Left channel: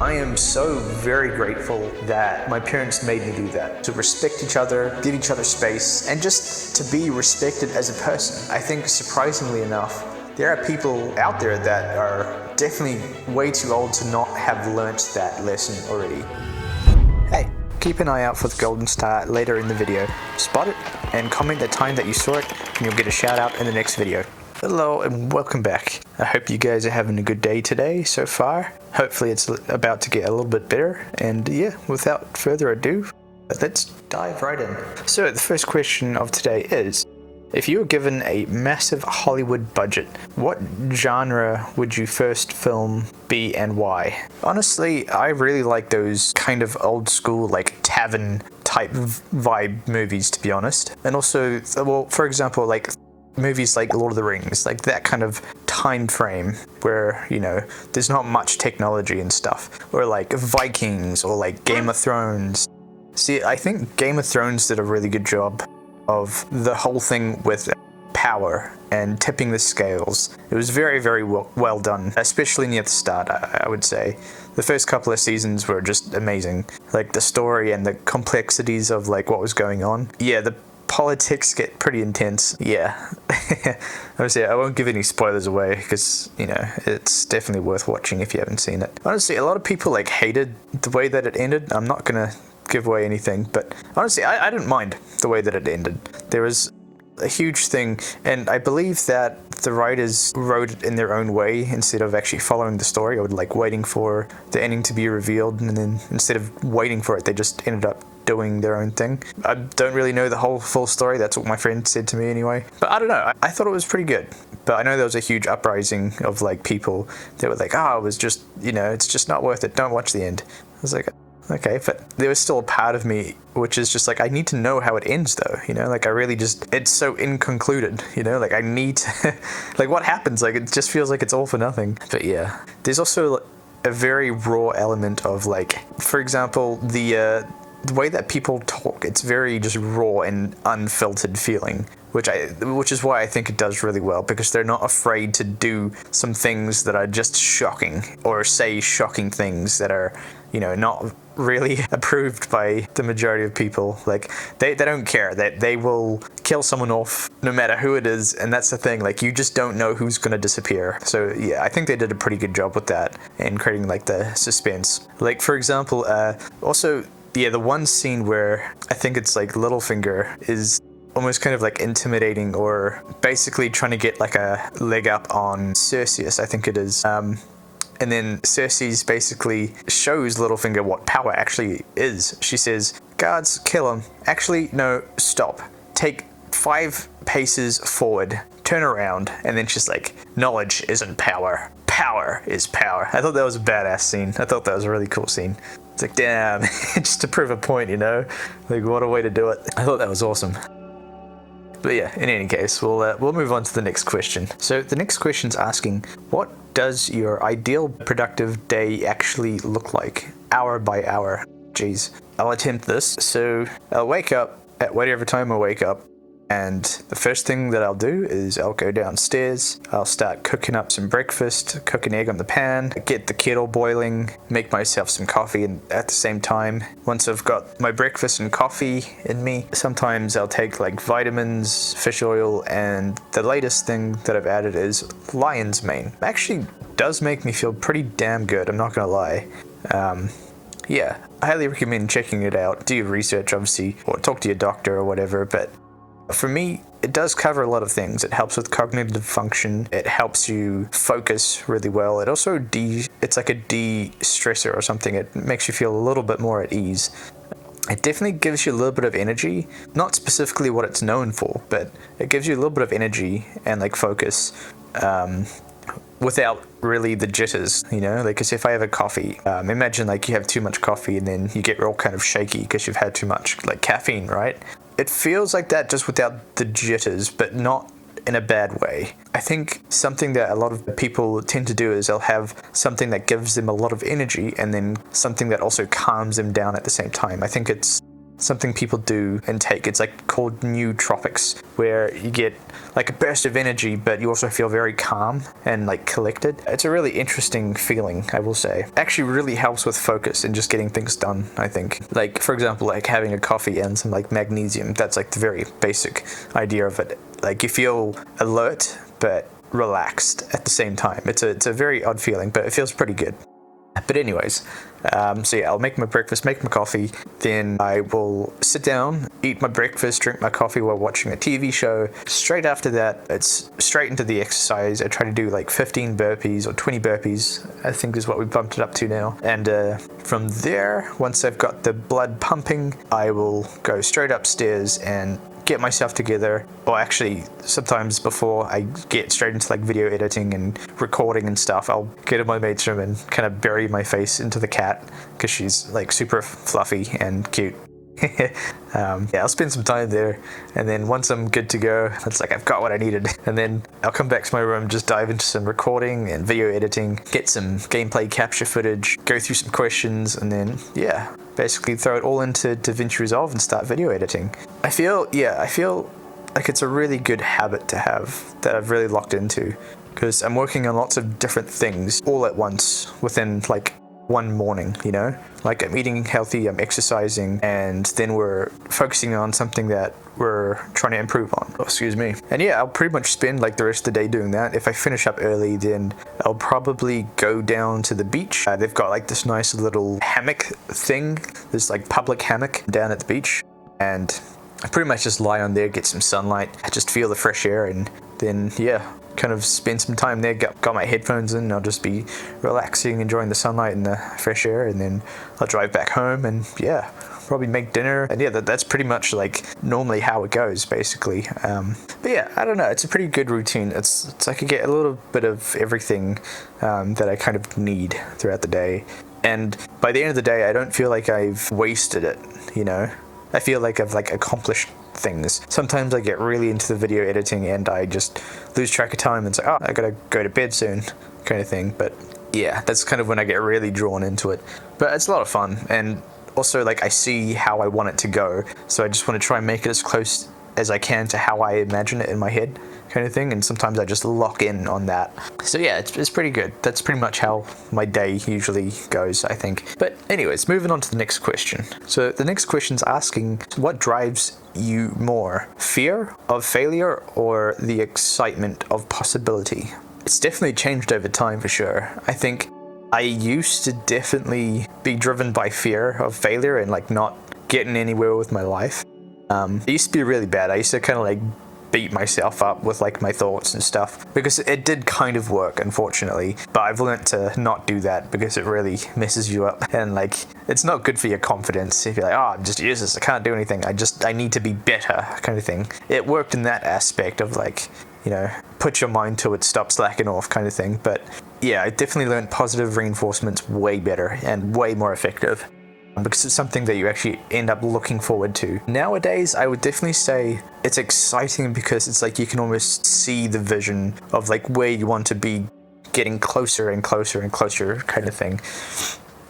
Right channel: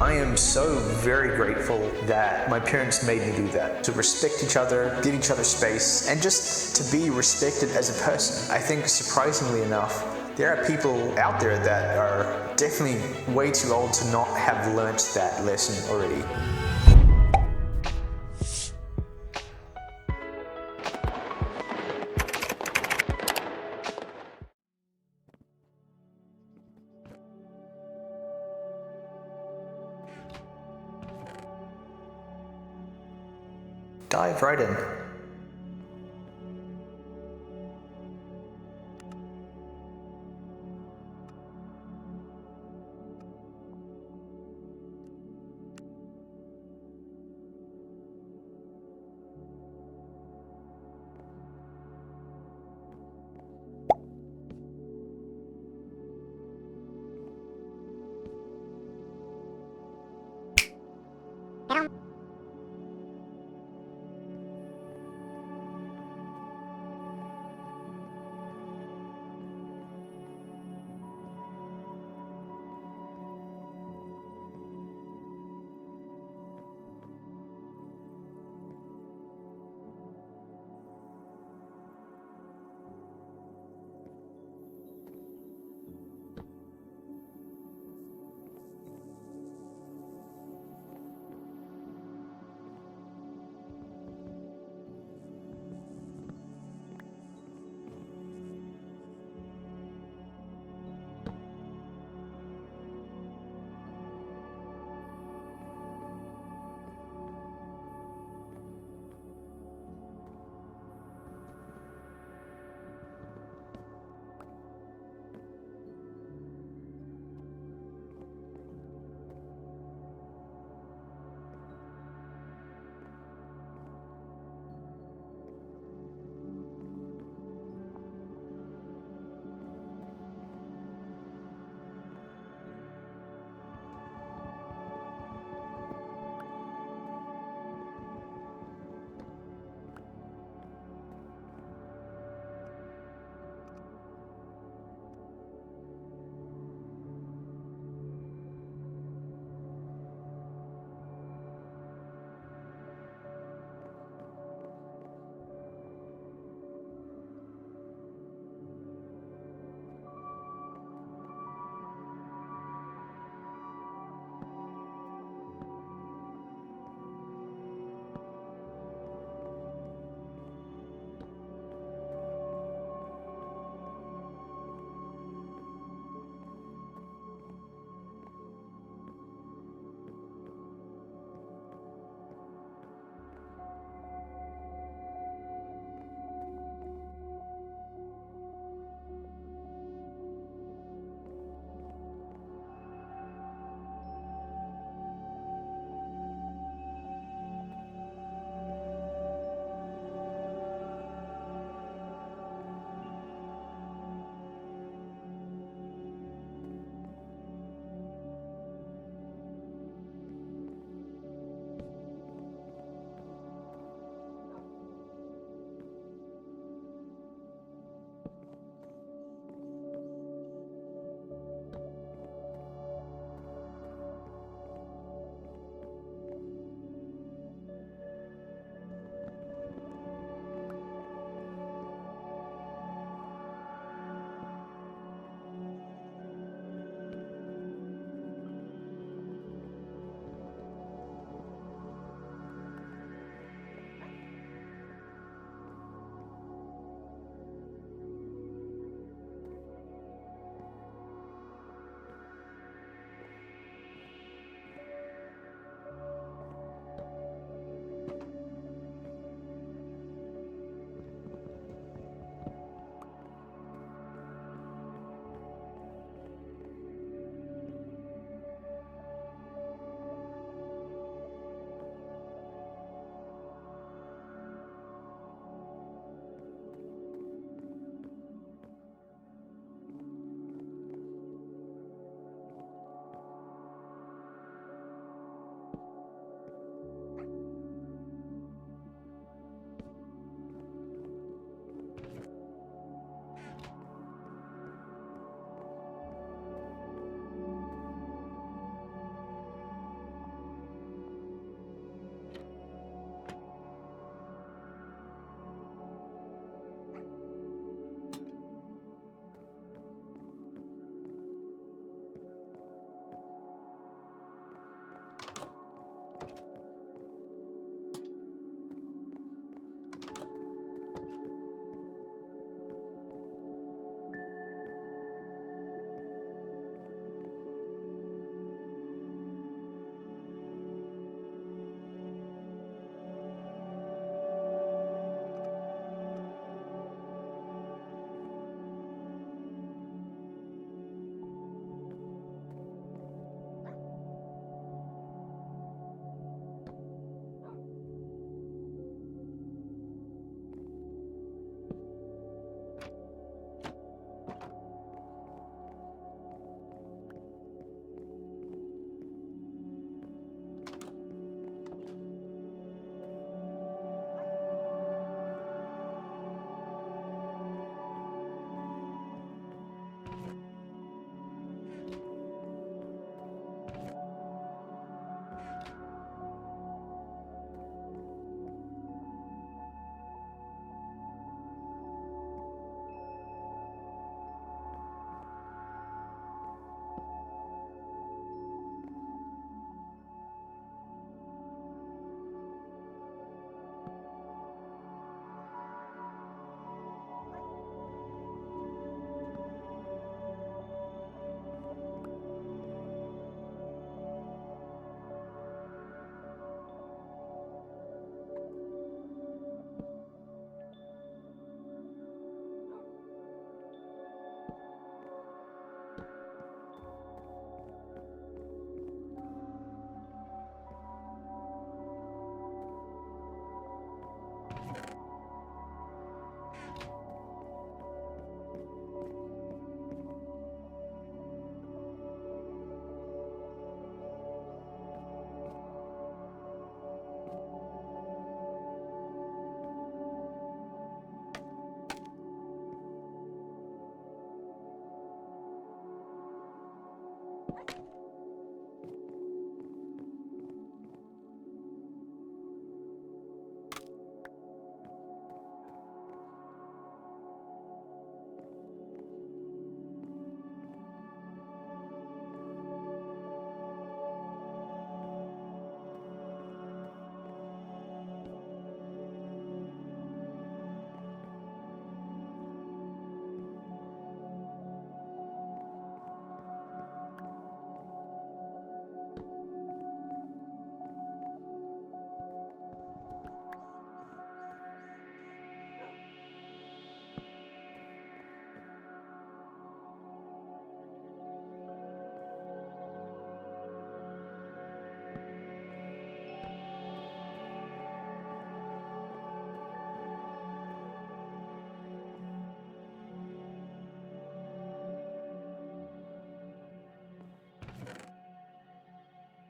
I am so very grateful that my parents made me do that. To respect each other, give each other space, and just to be respected as a person. I think surprisingly enough, there are people out there that are definitely way too old to not have learnt that lesson already. Hey, keep an eye out for the golden star later in the video. Spot it and comment the time that you saw it and you'll get a shout out in the next video. Hello and welcome back. I hope you guys are having a good day today so far. Hopefully it's about to get a little bit better, and yeah, without further ado, let's dive right in. So the first question of today is, if you were given a massive Hollywood budget, what genre would you first film be and why? Honestly, I really like those kind of old school like tavern type vibe movies, to be honest. And also, well, for example, like movies like Lord of the Rings, like that kind of time frame where, you know, there's not much technology and stuff, or like Vikings, or like Game of Thrones. See, I think Game of Thrones did a really good job of the whole thing with power and tipping the scales. It was very, very well done, especially near the start, I would say. The first couple of seasons were just amazing. Like the story and the complexities of like what was going on. Yeah, the politics get pretty intense. Yeah. Obviously, I won't give any spoilers away because, you know, it's definitely worth watching if you haven't seen it. Honestly, a lot of people like hated the way that it ended. I'm not gonna give away anything, but honestly, I didn't mind the way that it ended. There was a huge thing, and I believe that the writers wrote it in their own way instead of actually following the story, or like waiting for the ending to be revealed, and then instead of waiting for it, they just ended up doing their own thing. I don't really know the whole full story. That's what my friend said to me anyway. But I don't know. I thought it was pretty good. But I know there was a huge uprising of like people that were like, oh, it was just, you know, it's just not worth it. Don't watch the end. I was like, okay, but there was still a part of me which is just like, I need to know how it ends though, you know, like I really just, it's so inconcluded, you know, like I need to, like what happens, like it just feels like it's all for nothing. But yeah, there's also a very raw element of like, for example, the way that people talk, it's very just raw and unfiltered feeling, which is why I think it does really well, because they're not afraid to do some things that are just shocking, or say shocking things that are, you know, not really approved by the majority of people. Like they don't care, that they will kill someone off no matter who it is, and that's the thing, like you just don't know who's gonna disappear. So yeah, I think they did a pretty good job with that and creating like the suspense. Like for example, also, yeah, the one scene where I think it's like Littlefinger is almost kind of like intimidating, or basically trying to get like a leg up on Cersei, I think it is. And then Cersei basically shows Littlefinger what power actually is. She says, guards, kill him. Actually, no, stop. Take 5 paces forward, turn around, and then she's like, knowledge isn't power. Power is power. I thought that was a badass scene. I thought that was a really cool scene. It's like, damn, just to prove a point, you know? Like, what a way to do it. I thought that was awesome. But yeah, in any case, we'll move on to the next question. So the next question's asking, what does your ideal productive day actually look like, hour by hour? Jeez. I'll attempt this. So I'll wake up at whatever time I wake up, and the first thing that I'll do is I'll go downstairs, I'll start cooking up some breakfast, cook an egg on the pan, get the kettle boiling, make myself some coffee, and at the same time, once I've got my breakfast and coffee in me, sometimes I'll take like vitamins, fish oil, and the latest thing that I've added is lion's mane. It actually does make me feel pretty damn good, I'm not gonna lie. Yeah, I highly recommend checking it out. Do your research, obviously, or talk to your doctor or whatever, but for me, it does cover a lot of things. It helps with cognitive function. It helps you focus really well. It also it's like a de-stressor or something. It makes you feel a little bit more at ease. It definitely gives you a little bit of energy, not specifically what it's known for, but it gives you a little bit of energy and like focus, without really the jitters, you know, like, cause if I have a coffee, imagine like you have too much coffee and then you get real kind of shaky because you've had too much like caffeine, right? It feels like that just without the jitters, but not in a bad way. I think something that a lot of people tend to do is they'll have something that gives them a lot of energy and then something that also calms them down at the same time. I think it's something people do and take. It's like called nootropics, where you get like a burst of energy, but you also feel very calm and like collected. It's a really interesting feeling, I will say. Actually really helps with focus and just getting things done, I think. Like, for example, like having a coffee and some like magnesium, that's like the very basic idea of it. Like you feel alert, but relaxed at the same time. It's a very odd feeling, but it feels pretty good. But anyways, so yeah, I'll make my breakfast, make my coffee, then I will sit down, eat my breakfast, drink my coffee while watching a TV show. Straight after that, it's straight into the exercise. I try to do like 15 burpees or 20 burpees, I think is what we bumped it up to now. And from there, once I've got the blood pumping, I will go straight upstairs and get myself together, or actually sometimes before I get straight into like video editing and recording and stuff, I'll get in my mate's room and kind of bury my face into the cat because she's like super fluffy and cute. Yeah, I'll spend some time there, and then once I'm good to go, it's like I've got what I needed, and then I'll come back to my room, just dive into some recording and video editing, get some gameplay capture footage, go through some questions, and then yeah, basically throw it all into DaVinci Resolve and start video editing. I feel like it's a really good habit to have that I've really locked into, because I'm working on lots of different things all at once within like one morning, you know? Like I'm eating healthy, I'm exercising, and then we're focusing on something that we're trying to improve on. Oh, excuse me. And yeah, I'll pretty much spend like the rest of the day doing that. If I finish up early, then I'll probably go down to the beach. They've got like this nice little hammock thing, this like public hammock down at the beach. And I pretty much just lie on there, get some sunlight, I just feel the fresh air, and then yeah, kind of spend some time there, got my headphones in, I'll just be relaxing, enjoying the sunlight and the fresh air, and then I'll drive back home and yeah, probably make dinner. And yeah, that's pretty much like normally how it goes basically. But yeah, I don't know, it's a pretty good routine. It's like I get a little bit of everything that I kind of need throughout the day, and by the end of the day I don't feel like I've wasted it, you know? I feel like I've like accomplished things. Sometimes I get really into the video editing and I just lose track of time and say, oh, I gotta go to bed soon, kind of thing. But yeah, that's kind of when I get really drawn into it. But it's a lot of fun, and also like I see how I want it to go, so I just want to try and make it as close as I can to how I imagine it in my head, kind of thing. And sometimes I just lock in on that. So yeah, it's pretty good. That's pretty much how my day usually goes, I think. But anyways, moving on to the next question. So the next question's asking, what drives you more, fear of failure or the excitement of possibility? It's definitely changed over time for sure. I think I used to definitely be driven by fear of failure and like not getting anywhere with my life. It used to be really bad. I used to kind of like beat myself up with like my thoughts and stuff, because it did kind of work, unfortunately, but I've learned to not do that because it really messes you up, and like it's not good for your confidence if you're like, oh, I'm just useless, I can't do anything, I need to be better, kind of thing. It worked in that aspect of like, you know, put your mind to it, stop slacking off, kind of thing. But yeah, I definitely learned positive reinforcement's way better and way more effective, because it's something that you actually end up looking forward to. Nowadays, I would definitely say it's exciting because it's like you can almost see the vision of like where you want to be, getting closer and closer and closer, kind of thing.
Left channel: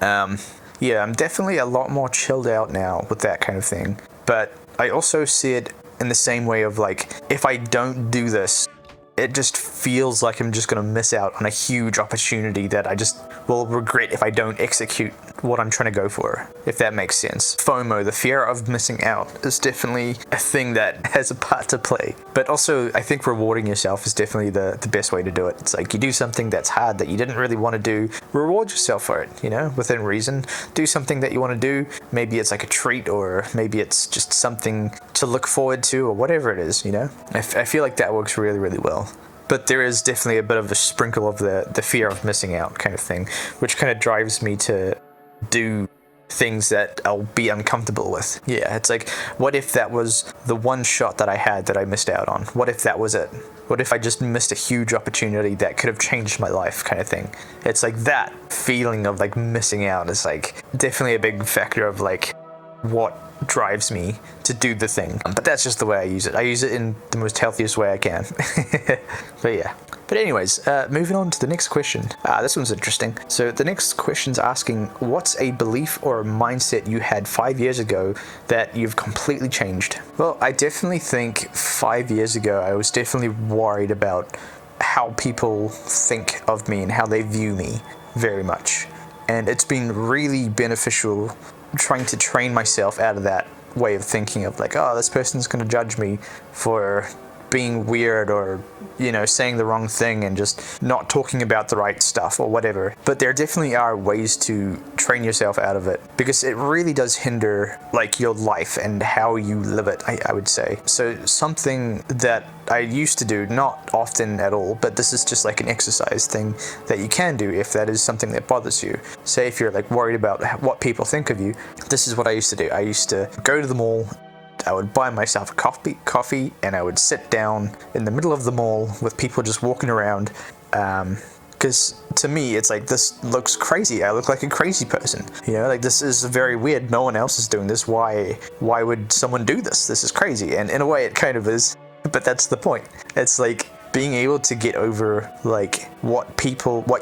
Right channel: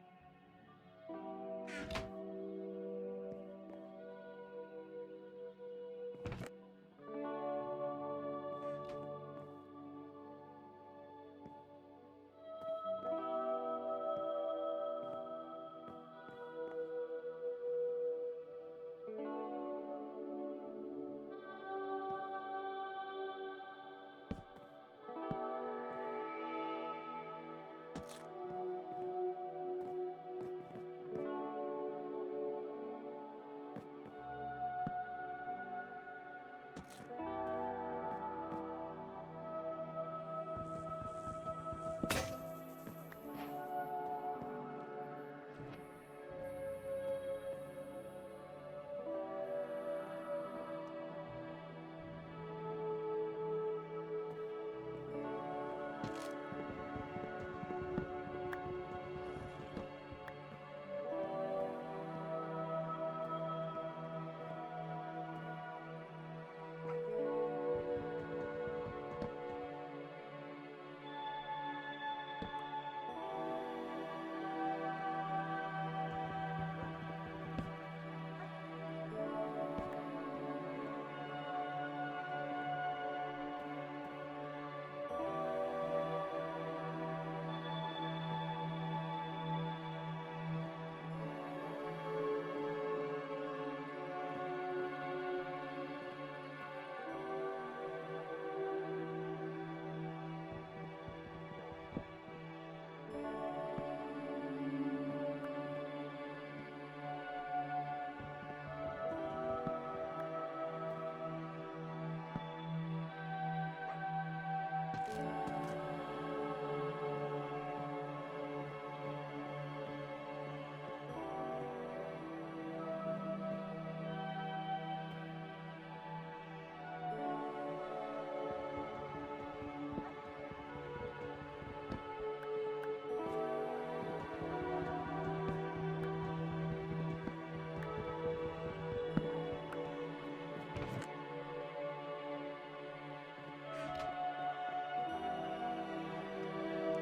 Yeah, I'm definitely a lot more chilled out now with that kind of thing. But I also see it in the same way of like, if I don't do this, it just feels like I'm just gonna miss out on a huge opportunity that I just will regret if I don't execute what I'm trying to go for, if that makes sense. FOMO, the fear of missing out, is definitely a thing that has a part to play. But also, I think rewarding yourself is definitely the best way to do it. It's like you do something that's hard that you didn't really want to do, reward yourself for it, you know, within reason. Do something that you want to do. Maybe it's like a treat, or maybe it's just something to look forward to, or whatever it is, you know? I feel like that works really, really well. But there is definitely a bit of a sprinkle of the fear of missing out kind of thing, which kind of drives me to do things that I'll be uncomfortable with. Yeah, it's like, what if that was the one shot that I had that I missed out on? What if that was it? What if I just missed a huge opportunity that could have changed my life, kind of thing? It's like that feeling of like missing out is like definitely a big factor of like what drives me to do the thing. But that's just the way I use it. I use it in the most healthiest way I can. But yeah, But anyways, moving on to the next question. This one's interesting. So the next question's asking, what's a belief or a mindset you had 5 years ago that you've completely changed? Well, I definitely think 5 years ago, I was definitely worried about how people think of me and how they view me very much. And it's been really beneficial trying to train myself out of that way of thinking of like, oh, this person's going to judge me for being weird or, you know, saying the wrong thing and just not talking about the right stuff or whatever. But there definitely are ways to train yourself out of it, because it really does hinder like your life and how you live it, I would say. So something that I used to do, not often at all, but this is just like an exercise thing that you can do if that is something that bothers you. Say if you're like worried about what people think of you, this is what I used to do. I used to go to the mall, I would buy myself a coffee and I would sit down in the middle of the mall with people just walking around, because to me it's like, this looks crazy. I look like a crazy person, you know, like this is very weird. No one else is doing this. Why would someone do this? This is crazy. And in a way it kind of is, but that's the point. It's like being able to get over like what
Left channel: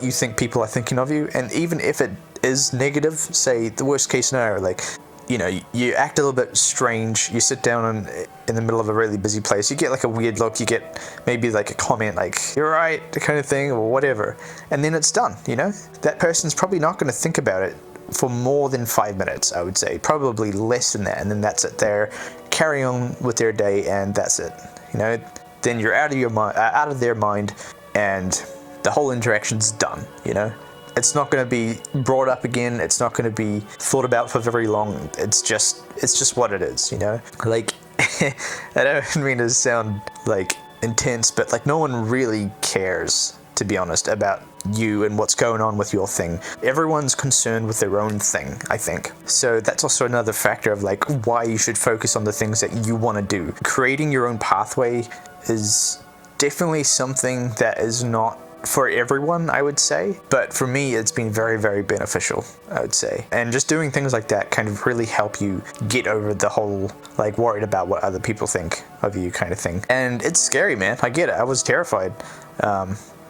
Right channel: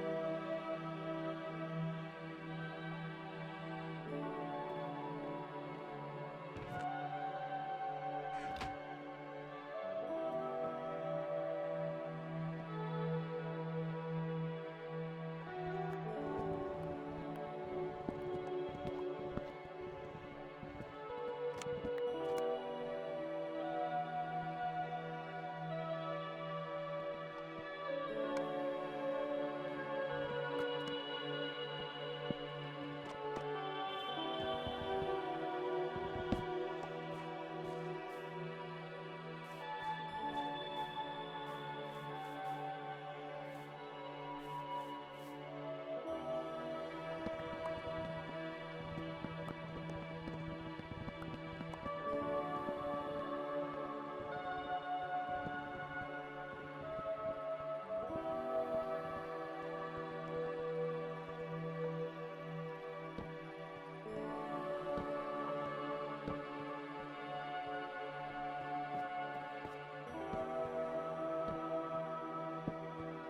you think people are thinking of you, and even if it is negative, say the worst case scenario, like, you know, you act a little bit strange, you sit down in the middle of a really busy place, you get like a weird look, you get maybe like a comment like, you're right, the kind of thing, or whatever, and then it's done, you know? That person's probably not going to think about it for more than 5 minutes, I would say, probably less than that, and then that's it. They're carrying on with their day, and that's it, you know? Then you're out of their mind, and the whole interaction's done, you know? It's not going to be brought up again. It's not going to be thought about for very long. It's just what it is, you know? Like, I don't mean to sound like intense, but like no one really cares, to be honest, about you and what's going on with your thing. Everyone's concerned with their own thing, I think. So that's also another factor of like why you should focus on the things that you want to do. Creating your own pathway is definitely something that is not for everyone, I would say, but for me it's been very, very beneficial, I would say. And just doing things like that kind of really help you get over the whole like worried about what other people think of you kind of thing. And it's scary, man. I get it. I was terrified.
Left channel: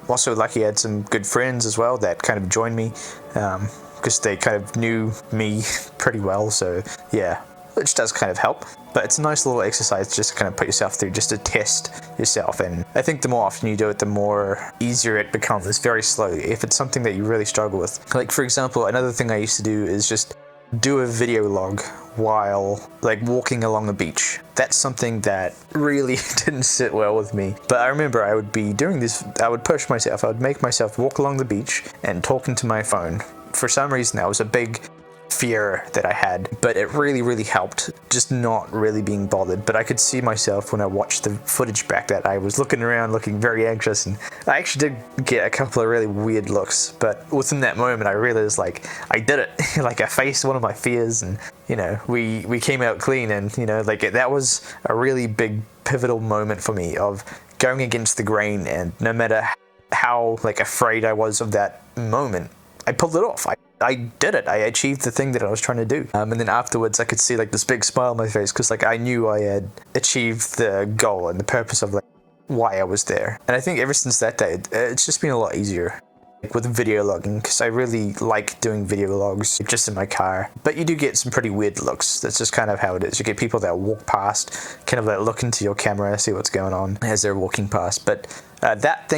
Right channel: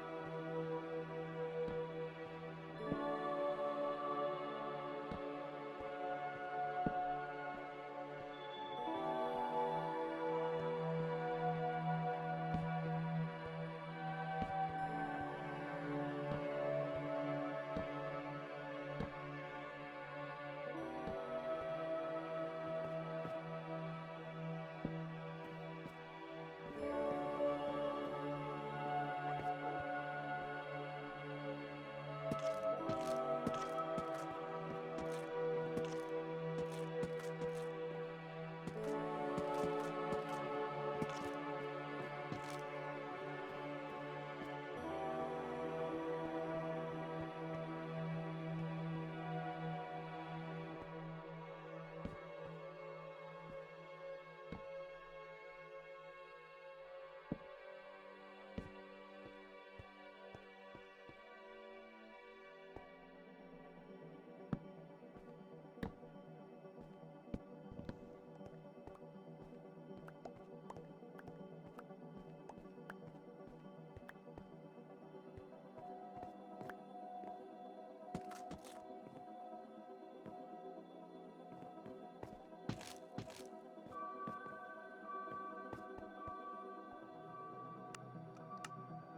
Also lucky I had some good friends as well that kind of joined me, because they kind of knew me pretty well, so yeah, which does kind of help. But it's a nice little exercise just to kind of put yourself through, just to test yourself. And I think the more often you do it, the more easier it becomes, very slowly, if it's something that you really struggle with. Like, for example, another thing I used to do is just do a video log while like walking along the beach. That's something that really didn't sit well with me. But I remember I would be doing this, I would push myself, I would make myself walk along the beach and talk into my phone. For some reason that was a big fear that I had, but it really, really helped just not really being bothered. But I could see myself when I watched the footage back that I was looking around looking very anxious, and I actually did get a couple of really weird looks, but within that moment I realized like I did it. Like I faced one of my fears, and you know, we came out clean, and you know, like that was a really big pivotal moment for me of going against the grain, and no matter how like afraid I was of that moment, I pulled it off. I did it. I achieved the thing that I was trying to do. And then afterwards I could see like this big smile on my face, because like I knew I had achieved the goal and the purpose of like why I was there. And I think ever since that day, it's just been a lot easier. Like with video logging, because I really like doing video logs just in my car. But you do get some pretty weird looks. That's just kind of how it is. You get people that walk past, kind of like look into your camera, see what's going on as they're walking past. But that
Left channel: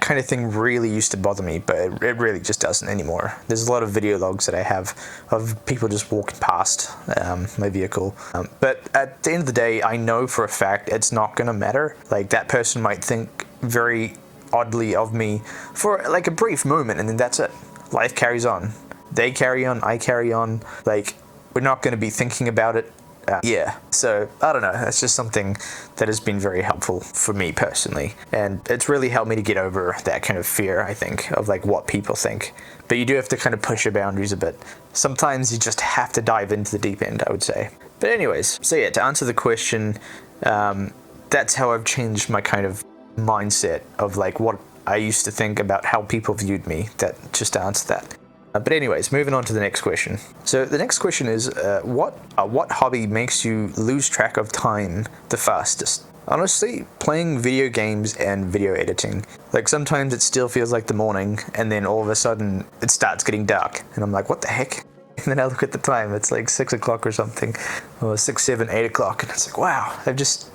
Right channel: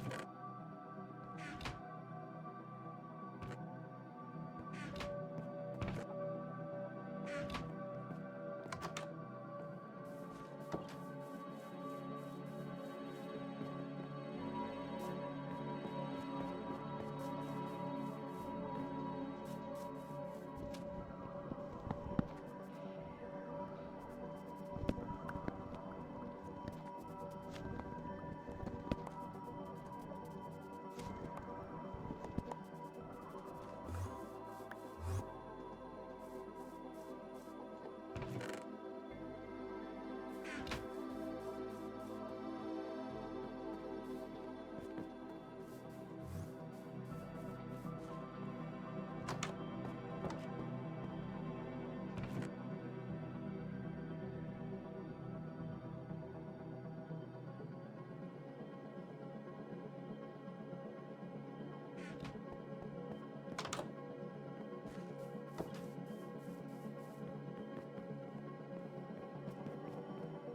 kind of thing really used to bother me, but it really just doesn't anymore. There's a lot of video logs that I have of people just walking past my vehicle. But at the end of the day, I know for a fact it's not gonna matter. Like that person might think very oddly of me for like a brief moment, and then that's it. Life carries on. They carry on, I carry on. Like, we're not going to be thinking about it. Yeah, so I don't know, it's just something that has been very helpful for me personally, and it's really helped me to get over that kind of fear, I think, of like what people think. But you do have to kind of push your boundaries a bit. Sometimes you just have to dive into the deep end, I would say. But anyways, so yeah, to answer the question, that's how I've changed my kind of mindset of like what I used to think about how people viewed me. That just to answer that. But anyways, moving on to the next question. So the next question is, what hobby makes you lose track of time the fastest? Honestly, playing video games and video editing. Like sometimes it still feels like the morning and then all of a sudden it starts getting dark and I'm like, what the heck? And then I look at the time, it's like 6 o'clock or something, or 6, 7, 8 o'clock, and it's like, wow, I've just,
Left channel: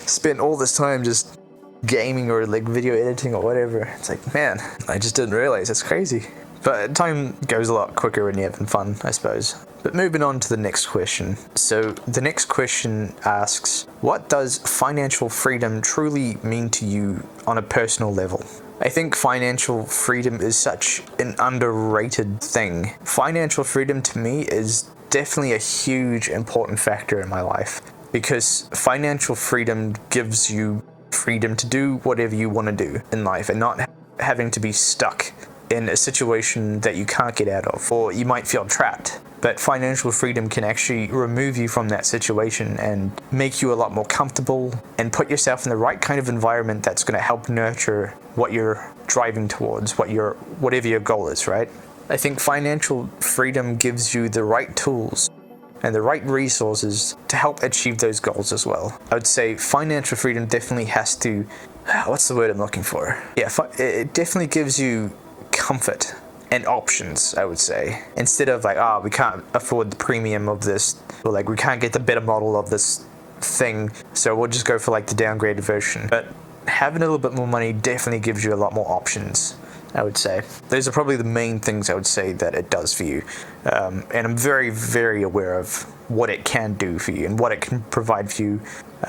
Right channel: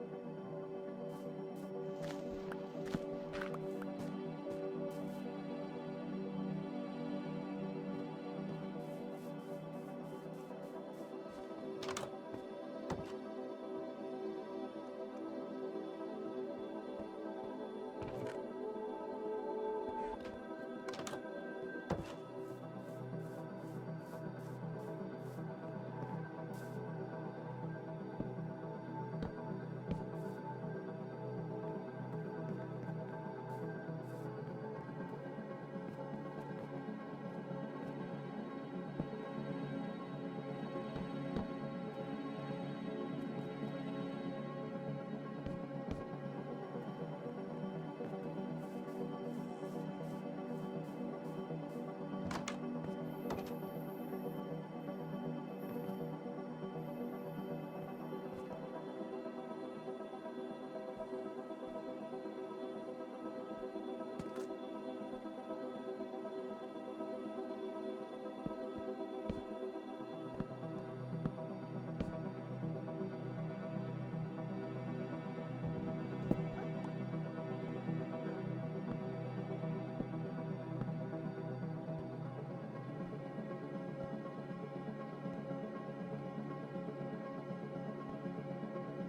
spent all this time just gaming or like video editing or whatever. It's like, man, I just didn't realize. It's crazy. But time goes a lot quicker when you're having fun, I suppose. But moving on to the next question. So the next question asks, what does financial freedom truly mean to you on a personal level? I think financial freedom is such an underrated thing. Financial freedom to me is definitely a huge important factor in my life, because financial freedom gives you freedom to do whatever you want to do in life and not having to be stuck in a situation that you can't get out of, or you might feel trapped. But financial freedom can actually remove you from that situation and make you a lot more comfortable and put yourself in the right kind of environment that's going to help nurture what you're driving towards, whatever your goal is, right? I think financial freedom gives you the right tools and the right resources to help achieve those goals as well. I would say financial freedom definitely has to, what's the word I'm looking for? Yeah, it definitely gives you comfort and options, I would say. Instead of like, we can't afford the premium of this, or like we can't get the better model of this thing, so we'll just go for like the downgraded version. But having a little bit more money definitely gives you a lot more options, I would say. Those are probably the main things I would say that it does for you. And I'm very, very aware of what it can do for you and what it can provide for you.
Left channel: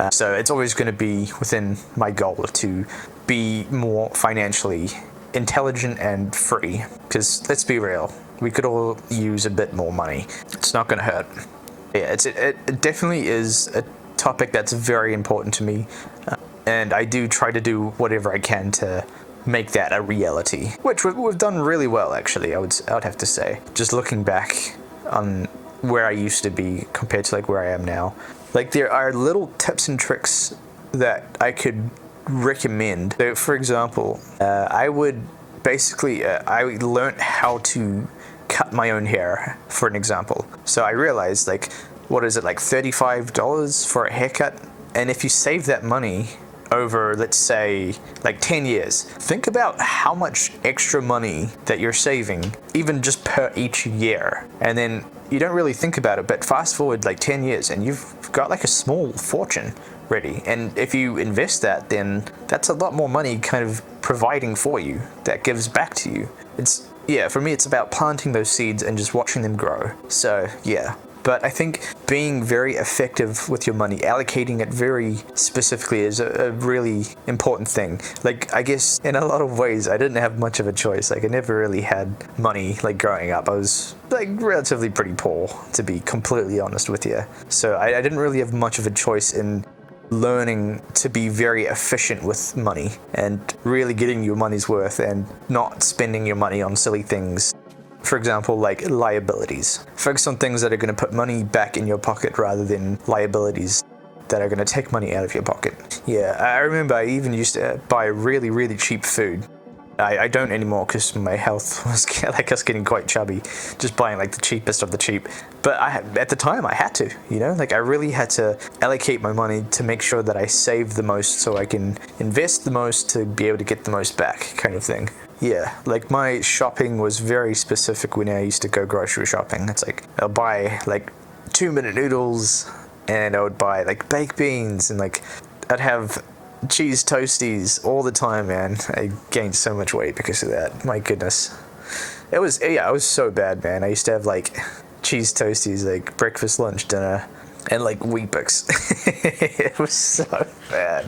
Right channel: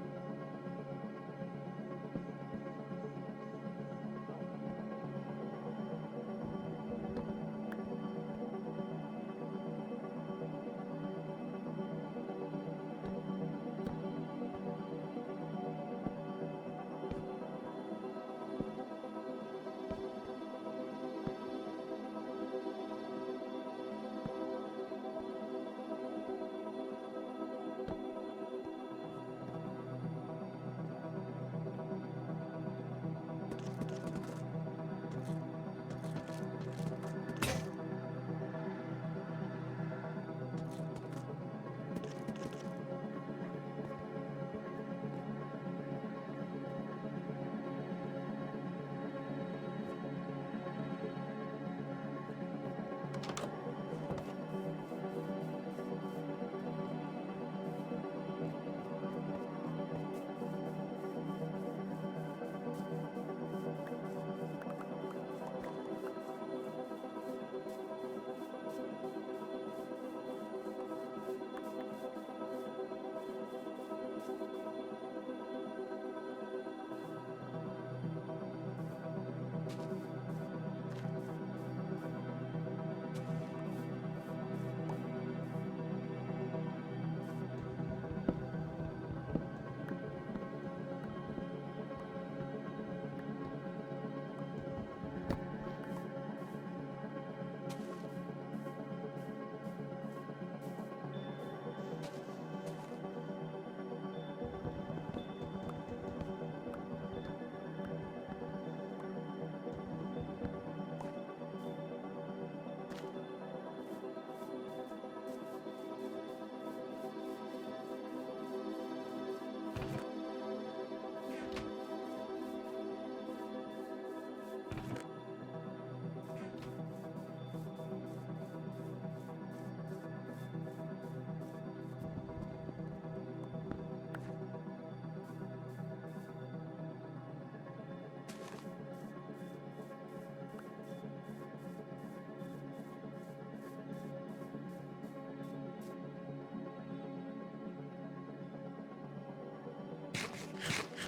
So it's always going to be within my goal to be more financially intelligent and free, because let's be real, we could all use a bit more money. It's not going to hurt. Yeah, it definitely is a topic that's very important to me, and I do try to do whatever I can to make that a reality, which we've done really well, actually. I would have to say, just looking back on where I used to be compared to like where I am now, like there are little tips and tricks that I could recommend. So for example, I learned how to cut my own hair, for an example. So I realized, like, what is it, like $35 for a haircut? And if you save that money over, let's say, like 10 years, think about how much extra money that you're saving, even just per each year. And then you don't really think about it, but fast forward like 10 years and you've got like a small fortune ready. And if you invest that, then that's a lot more money kind of providing for you that gives back to you. For me, it's about planting those seeds and just watching them grow. So yeah. But I think being very effective with your money, allocating it very specifically, is a really important thing. Like, I guess in a lot of ways, I didn't have much of a choice. Like, I never really had money, like, growing up. I was, like, relatively pretty poor, to be completely honest with you. So I didn't really have much of a choice in learning to be very efficient with money and really getting your money's worth and not spending your money on silly things. For example, like liabilities. Focus on things that are going to put money back in your pocket rather than liabilities that are going to take money out of your pocket. Yeah, I remember I even used to buy really, really cheap food. I don't anymore because my health was like us getting quite chubby, just buying like the cheapest of the cheap. But at the time I had to, like I really had to allocate my money to make sure that I save the most so I can invest the most to be able to get the most back, kind of thing. Yeah, like my shopping was very specific when I used to go grocery shopping. It's like I'll buy like 2-minute noodles, and I would buy like baked beans, and like I'd have cheese toasties all the time, man. I gained so much weight because of that. My goodness. It was so bad, man. I used to have like cheese toasties, like breakfast, lunch, dinner, and like Weet-Bix. It was so bad.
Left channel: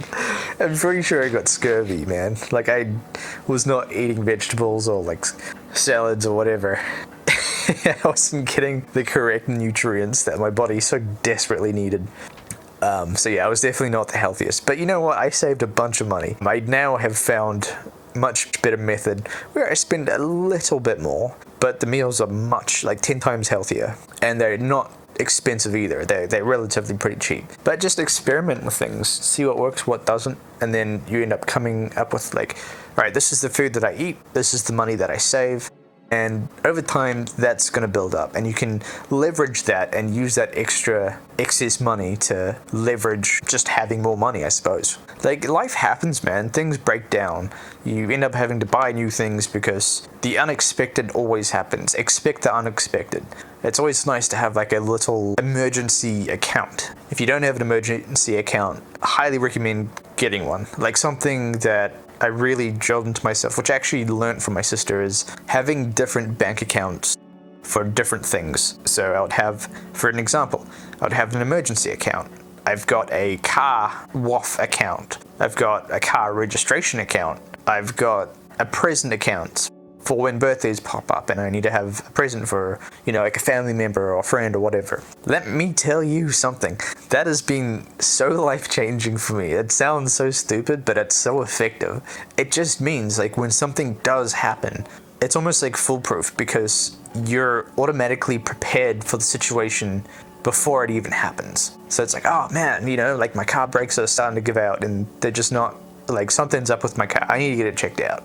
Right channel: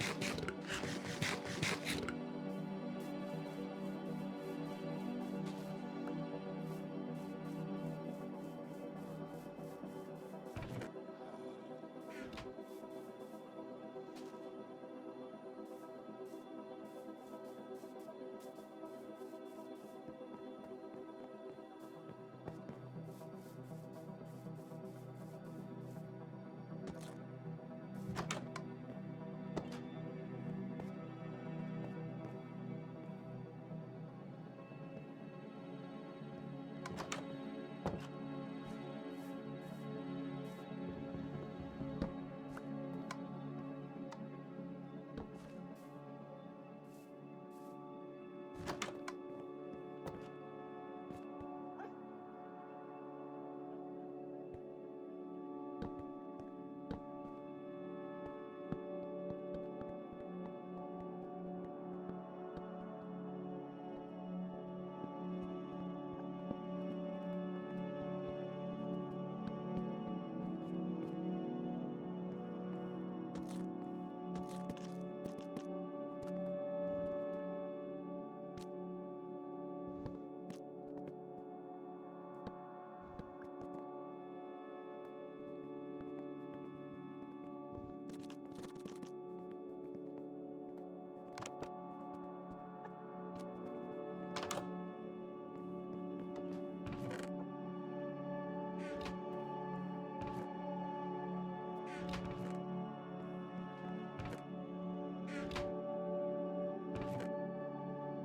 I'm pretty sure I got scurvy, man. Like I was not eating vegetables or like salads or whatever. I wasn't getting the correct nutrients that my body so desperately needed. So yeah, I was definitely not the healthiest. But you know what? I saved a bunch of money. I now have found much better method where I spend a little bit more, but the meals are much, like 10 times healthier. And they're not expensive either. They're relatively pretty cheap. But just experiment with things, see what works, what doesn't, and then you end up coming up with like, all right, this is the food that I eat, this is the money that I save, And over time, that's going to build up, and you can leverage that and use that excess money to leverage just having more money, I suppose. Like, life happens, man. Things break down. You end up having to buy new things because the unexpected always happens. Expect the unexpected. It's always nice to have like a little emergency account. If you don't have an emergency account, I highly recommend getting one. Like, something that I really drilled into myself, which I actually learned from my sister, is having different bank accounts for different things. So I would have, for an example, I would have an emergency account. I've got a car WAF account. I've got a car registration account. I've got a present account for when birthdays pop up and I need to have a present for, like a family member or a friend or whatever. Let me tell you something. That has been so life-changing for me. It sounds so stupid, but it's so effective. It just means, like, when something does happen, it's almost like foolproof because you're automatically prepared for the situation before it even happens. So it's like, oh man, like my car brakes are starting to give out and they're just not, like, something's up with my car. I need to get it checked out.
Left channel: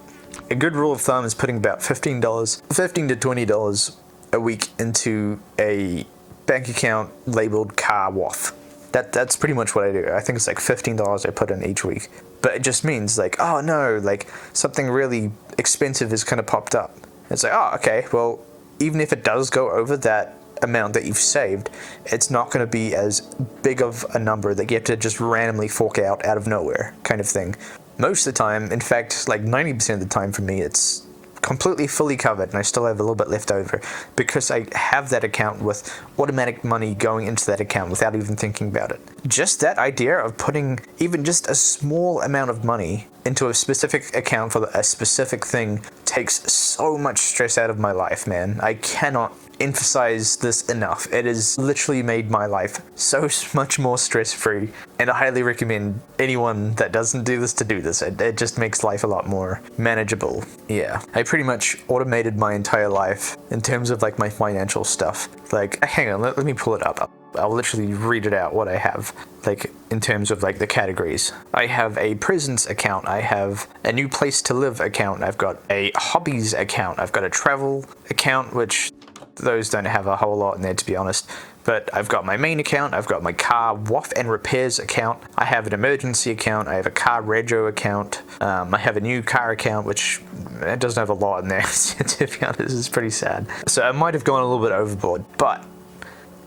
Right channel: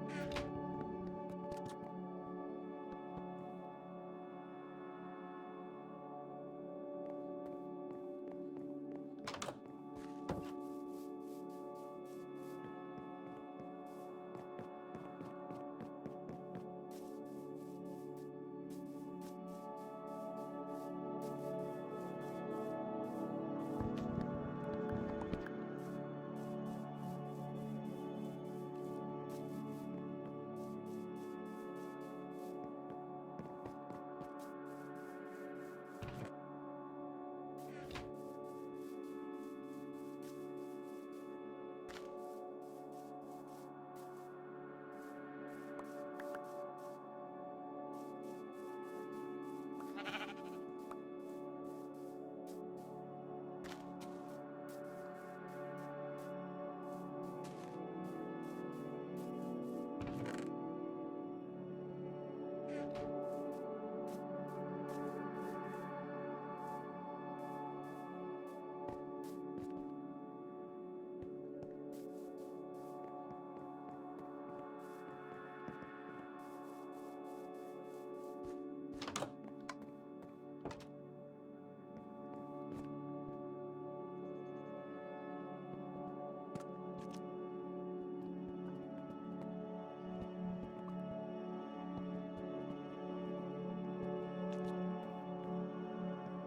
A good rule of thumb is putting about $15 to $20 a week into a bank account labeled car WAF. That's pretty much what I do. I think it's like $15 I put in each week. But it just means, like, oh no, like something really expensive has kind of popped up. It's like, oh, okay, well, even if it does go over that amount that you've saved, it's not going to be as big of a number that you have to just randomly fork out of nowhere kind of thing. Most of the time, in fact, like 90% of the time for me, it's completely fully covered and I still have a little bit left over because I have that account with automatic money going into that account without even thinking about it. Just that idea of putting even just a small amount of money into a specific account for a specific thing takes so much stress out of my life, man. I cannot emphasize this enough. It has literally made my life so much more stress-free, and I highly recommend anyone that doesn't do this to do this. It just makes life a lot more manageable. Yeah, I pretty much automated my entire life in terms of like my financial stuff. Like, hang on, let me pull it up. I'll literally read it out what I have, like in terms of like the categories. I have a presents account, I have a new place to live account, I've got a hobbies account, I've got a travel account, which those don't have a whole lot in there, to be honest. But I've got my main account, I've got my car WAF and repairs account, I have an emergency account, I have a car rego account, I have a new car account, which it doesn't have a lot in there, to be honest. It's pretty sad. So I might have gone a little bit overboard, but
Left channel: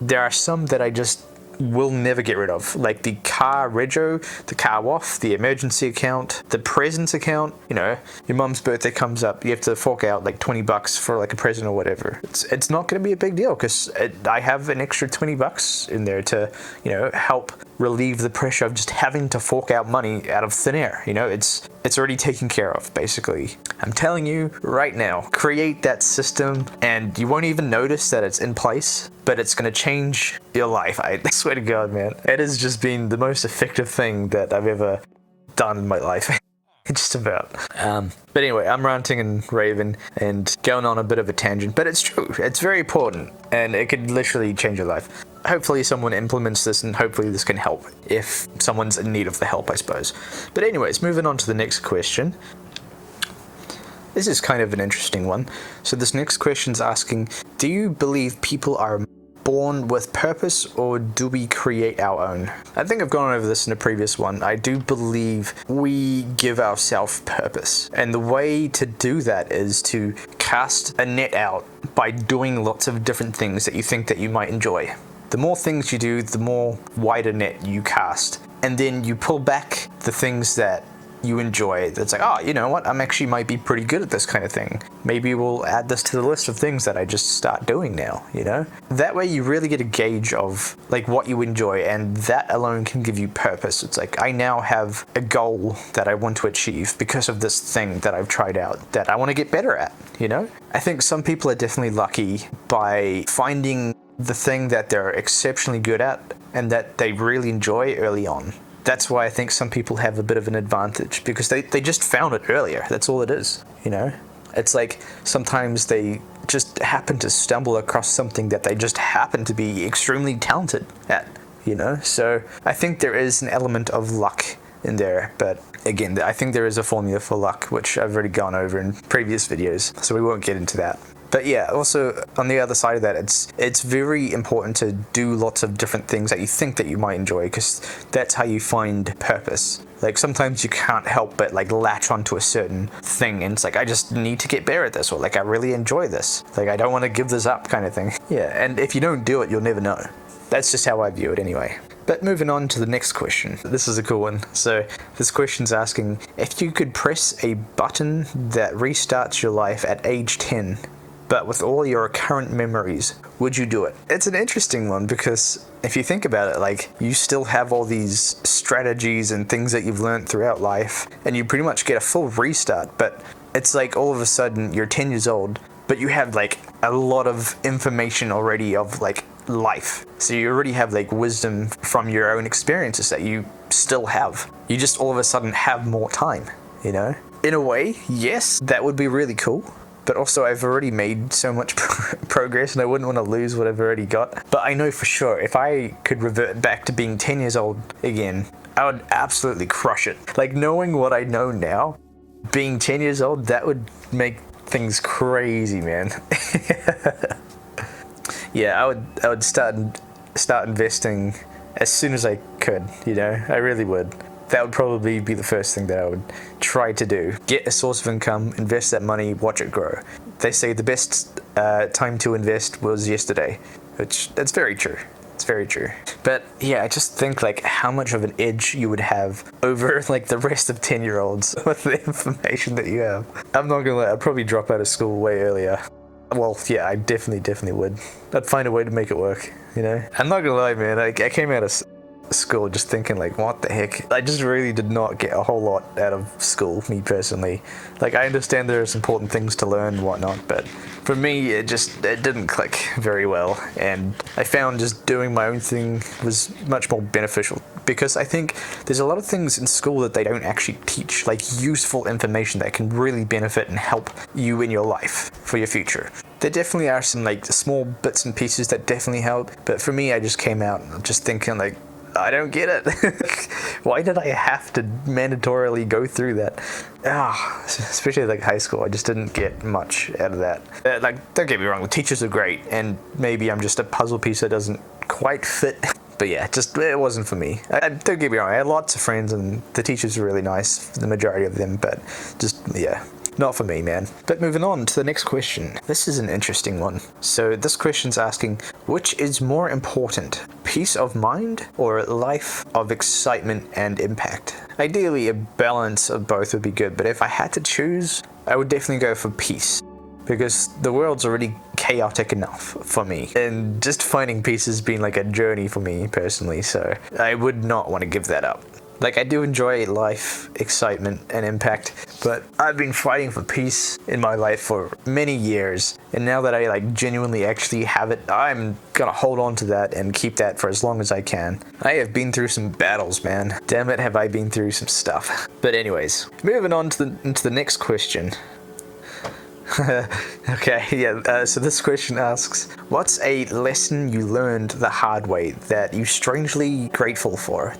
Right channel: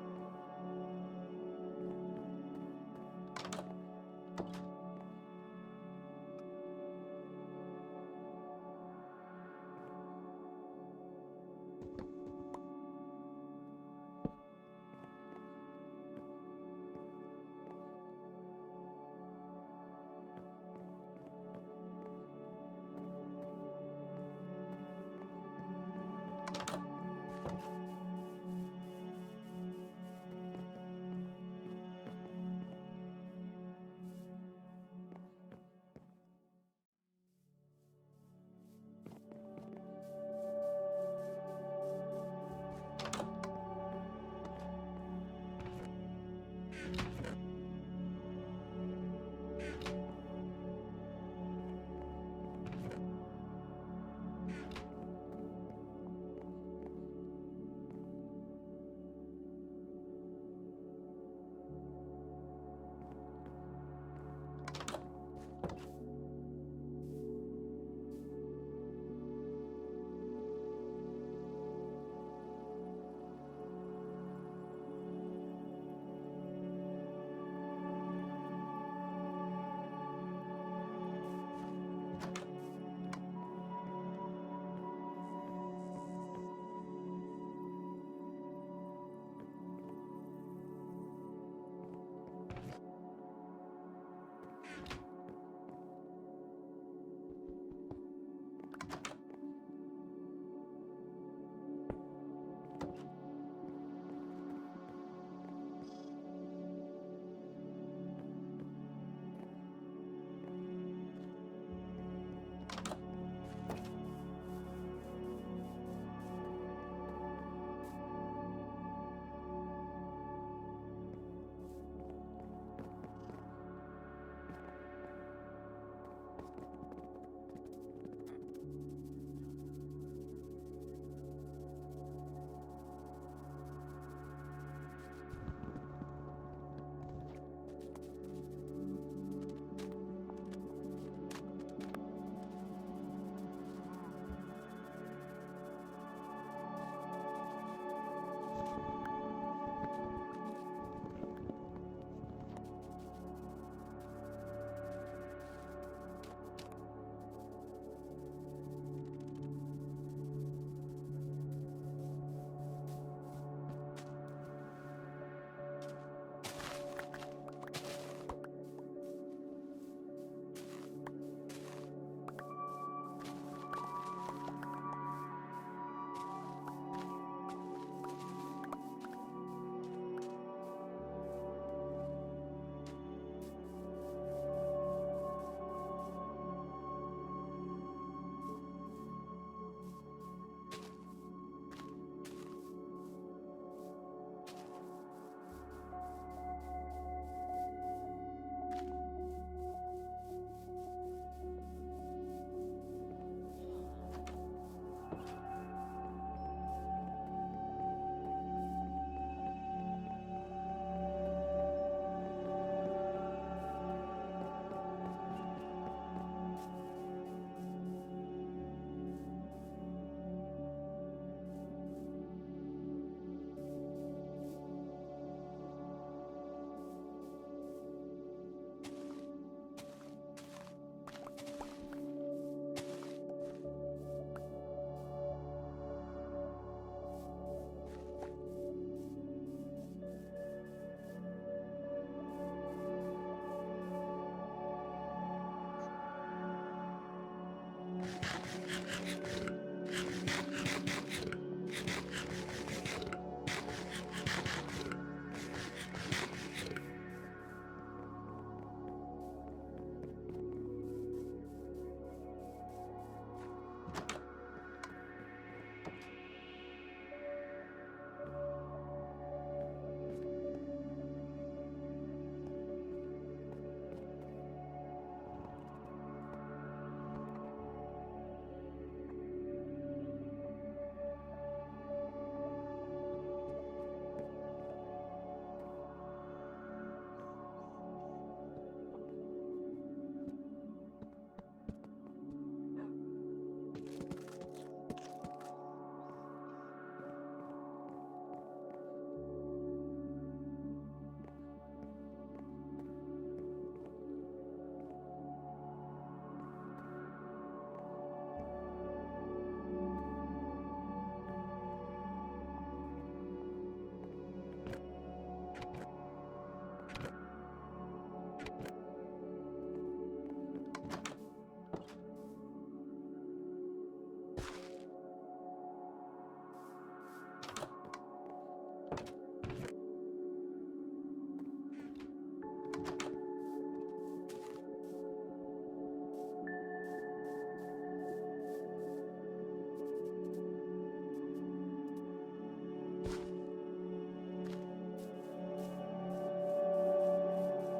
there are some that I just will never get rid of, like the car rego, the car WAF, the emergency account, the presents account. Your mum's birthday comes up, you have to fork out like $20 for like a present or whatever. It's not going to be a big deal because I have an extra $20 in there to help relieve the pressure of just having to fork out money out of thin air. It's already taken care of, basically. I'm telling you right now, create that system and you won't even notice that it's in place, but it's going to change your life. I swear to God, man. It has just been the most effective thing that I've ever done in my life. Just about. But anyway, I'm ranting and raving and going on a bit of a tangent, but it's true. It's very important and it could literally change your life. Hopefully someone implements this and hopefully this can help if someone's in need of the help, I suppose. But anyways, moving on to the next question. This is kind of an interesting one. So this next question's asking, do you believe people are born with purpose or do we create our own? I think I've gone over this in a previous one. I do believe we give ourselves purpose. And the way to do that is to cast a net out by doing lots of different things that you think that you might enjoy. The more things you do, the more wider net you cast. And then you pull back the things that you enjoy. That's like, oh, you know what? I'm actually might be pretty good at this kind of thing. Maybe we'll add this to the list of things that I just start doing now, That way you really get a gauge of like what you enjoy, and that alone can give you purpose. It's like, I now have a goal that I want to achieve because of this thing that I've tried out that I want to get better at, I think some people are definitely lucky by finding the thing that they're exceptionally good at and that they really enjoy early on. That's why I think some people have a bit of an advantage, because they just found it earlier. That's all it is, It's like sometimes they just happen to stumble across something that they just happen to be extremely talented at, So I think there is an element of luck in there, but again, I think there is a formula for luck, which I've already gone over in previous videos, so we won't get into that. But yeah, also on the other side of that, it's very important to do lots of different things that you think that you might enjoy, because that's how you find purpose. Like sometimes you can't help but like latch onto a certain thing, and it's like, I just need to get better at this, or like I really enjoy this. Like I don't want to give this up kind of thing. Yeah, and if you don't do it, you'll never know. That's just how I view it anyway. But moving on to the next question. This is a cool one. So this question's asking, if you could press a button that restarts your life at age 10, but with all your current memories, would you do it? It's an interesting one, because if you think about it, like you still have all these strategies and things that you've learned throughout life, and you pretty much get a full restart, but it's like all of a sudden you're 10 years old, but you have like a lot of information already of like life. So you already have like wisdom from your own experiences that you still have. You just all of a sudden have more time, you know? In a way, yes, that would be really cool. But also I've already made so much progress, and I wouldn't want to lose what I've already got. But I know for sure if I could revert back to being 10 years old again, I would absolutely crush it. Like knowing what I know now, being 10 years old, that would make things crazy, man. Yeah, I would start investing as soon as I could, you know? I really would. That would probably be the first thing that I would try to do. Get a source of income, invest that money, watch it grow. They say the best time to invest was yesterday, which that's very true. It's very true. But yeah, I just think like how much of an edge you would have over like the rest of 10-year-olds with the information that you have. I'm not gonna lie, I'd probably drop out of school way earlier. Well, yeah, I definitely would. I'd find a way to make it work, you know? I'm not gonna lie, man, I came out of school just thinking like, what the heck? I just really did not get a whole lot out of school, me personally. Like, I understand there's important things to learn and whatnot, but for me, it didn't click very well, and I found just doing my own thing was much more beneficial, because I think there's a lot of things in school that they don't actually teach, like useful information that can really benefit and help you in your life for your future. There definitely are some like small bits and pieces that definitely help, but for me, I just came out just thinking like, I don't get it. Why did I have to mandatorily go through that? Especially like high school, I just didn't get much out of that. Like, don't get me wrong, the teachers are great, and maybe I'm just a puzzle piece that doesn't quite fit. But yeah, it wasn't for me. Don't get me wrong, I had lots of friends, and the teachers were really nice, the majority of them, but just, yeah. Not for me, man. But moving on to the next question. This is an interesting one. So this question's asking, which is more important, peace of mind or a life of excitement and impact? Ideally, a balance of both would be good, but if I had to choose, I would definitely go for peace, because the world's already chaotic enough for me, and just finding peace has been like a journey for me personally, so I would not want to give that up. Like, I do enjoy life, excitement, and impact, but I've been fighting for peace in my life for many years, and now that I like genuinely actually have it, I'm gonna hold on to that and keep that for as long as I can. I have been through some battles, man. Damn it, have I been through some stuff. But anyways, moving on to the next question. Okay, yeah, so this question asks, what's a lesson you learned the hard way that you're strangely grateful for?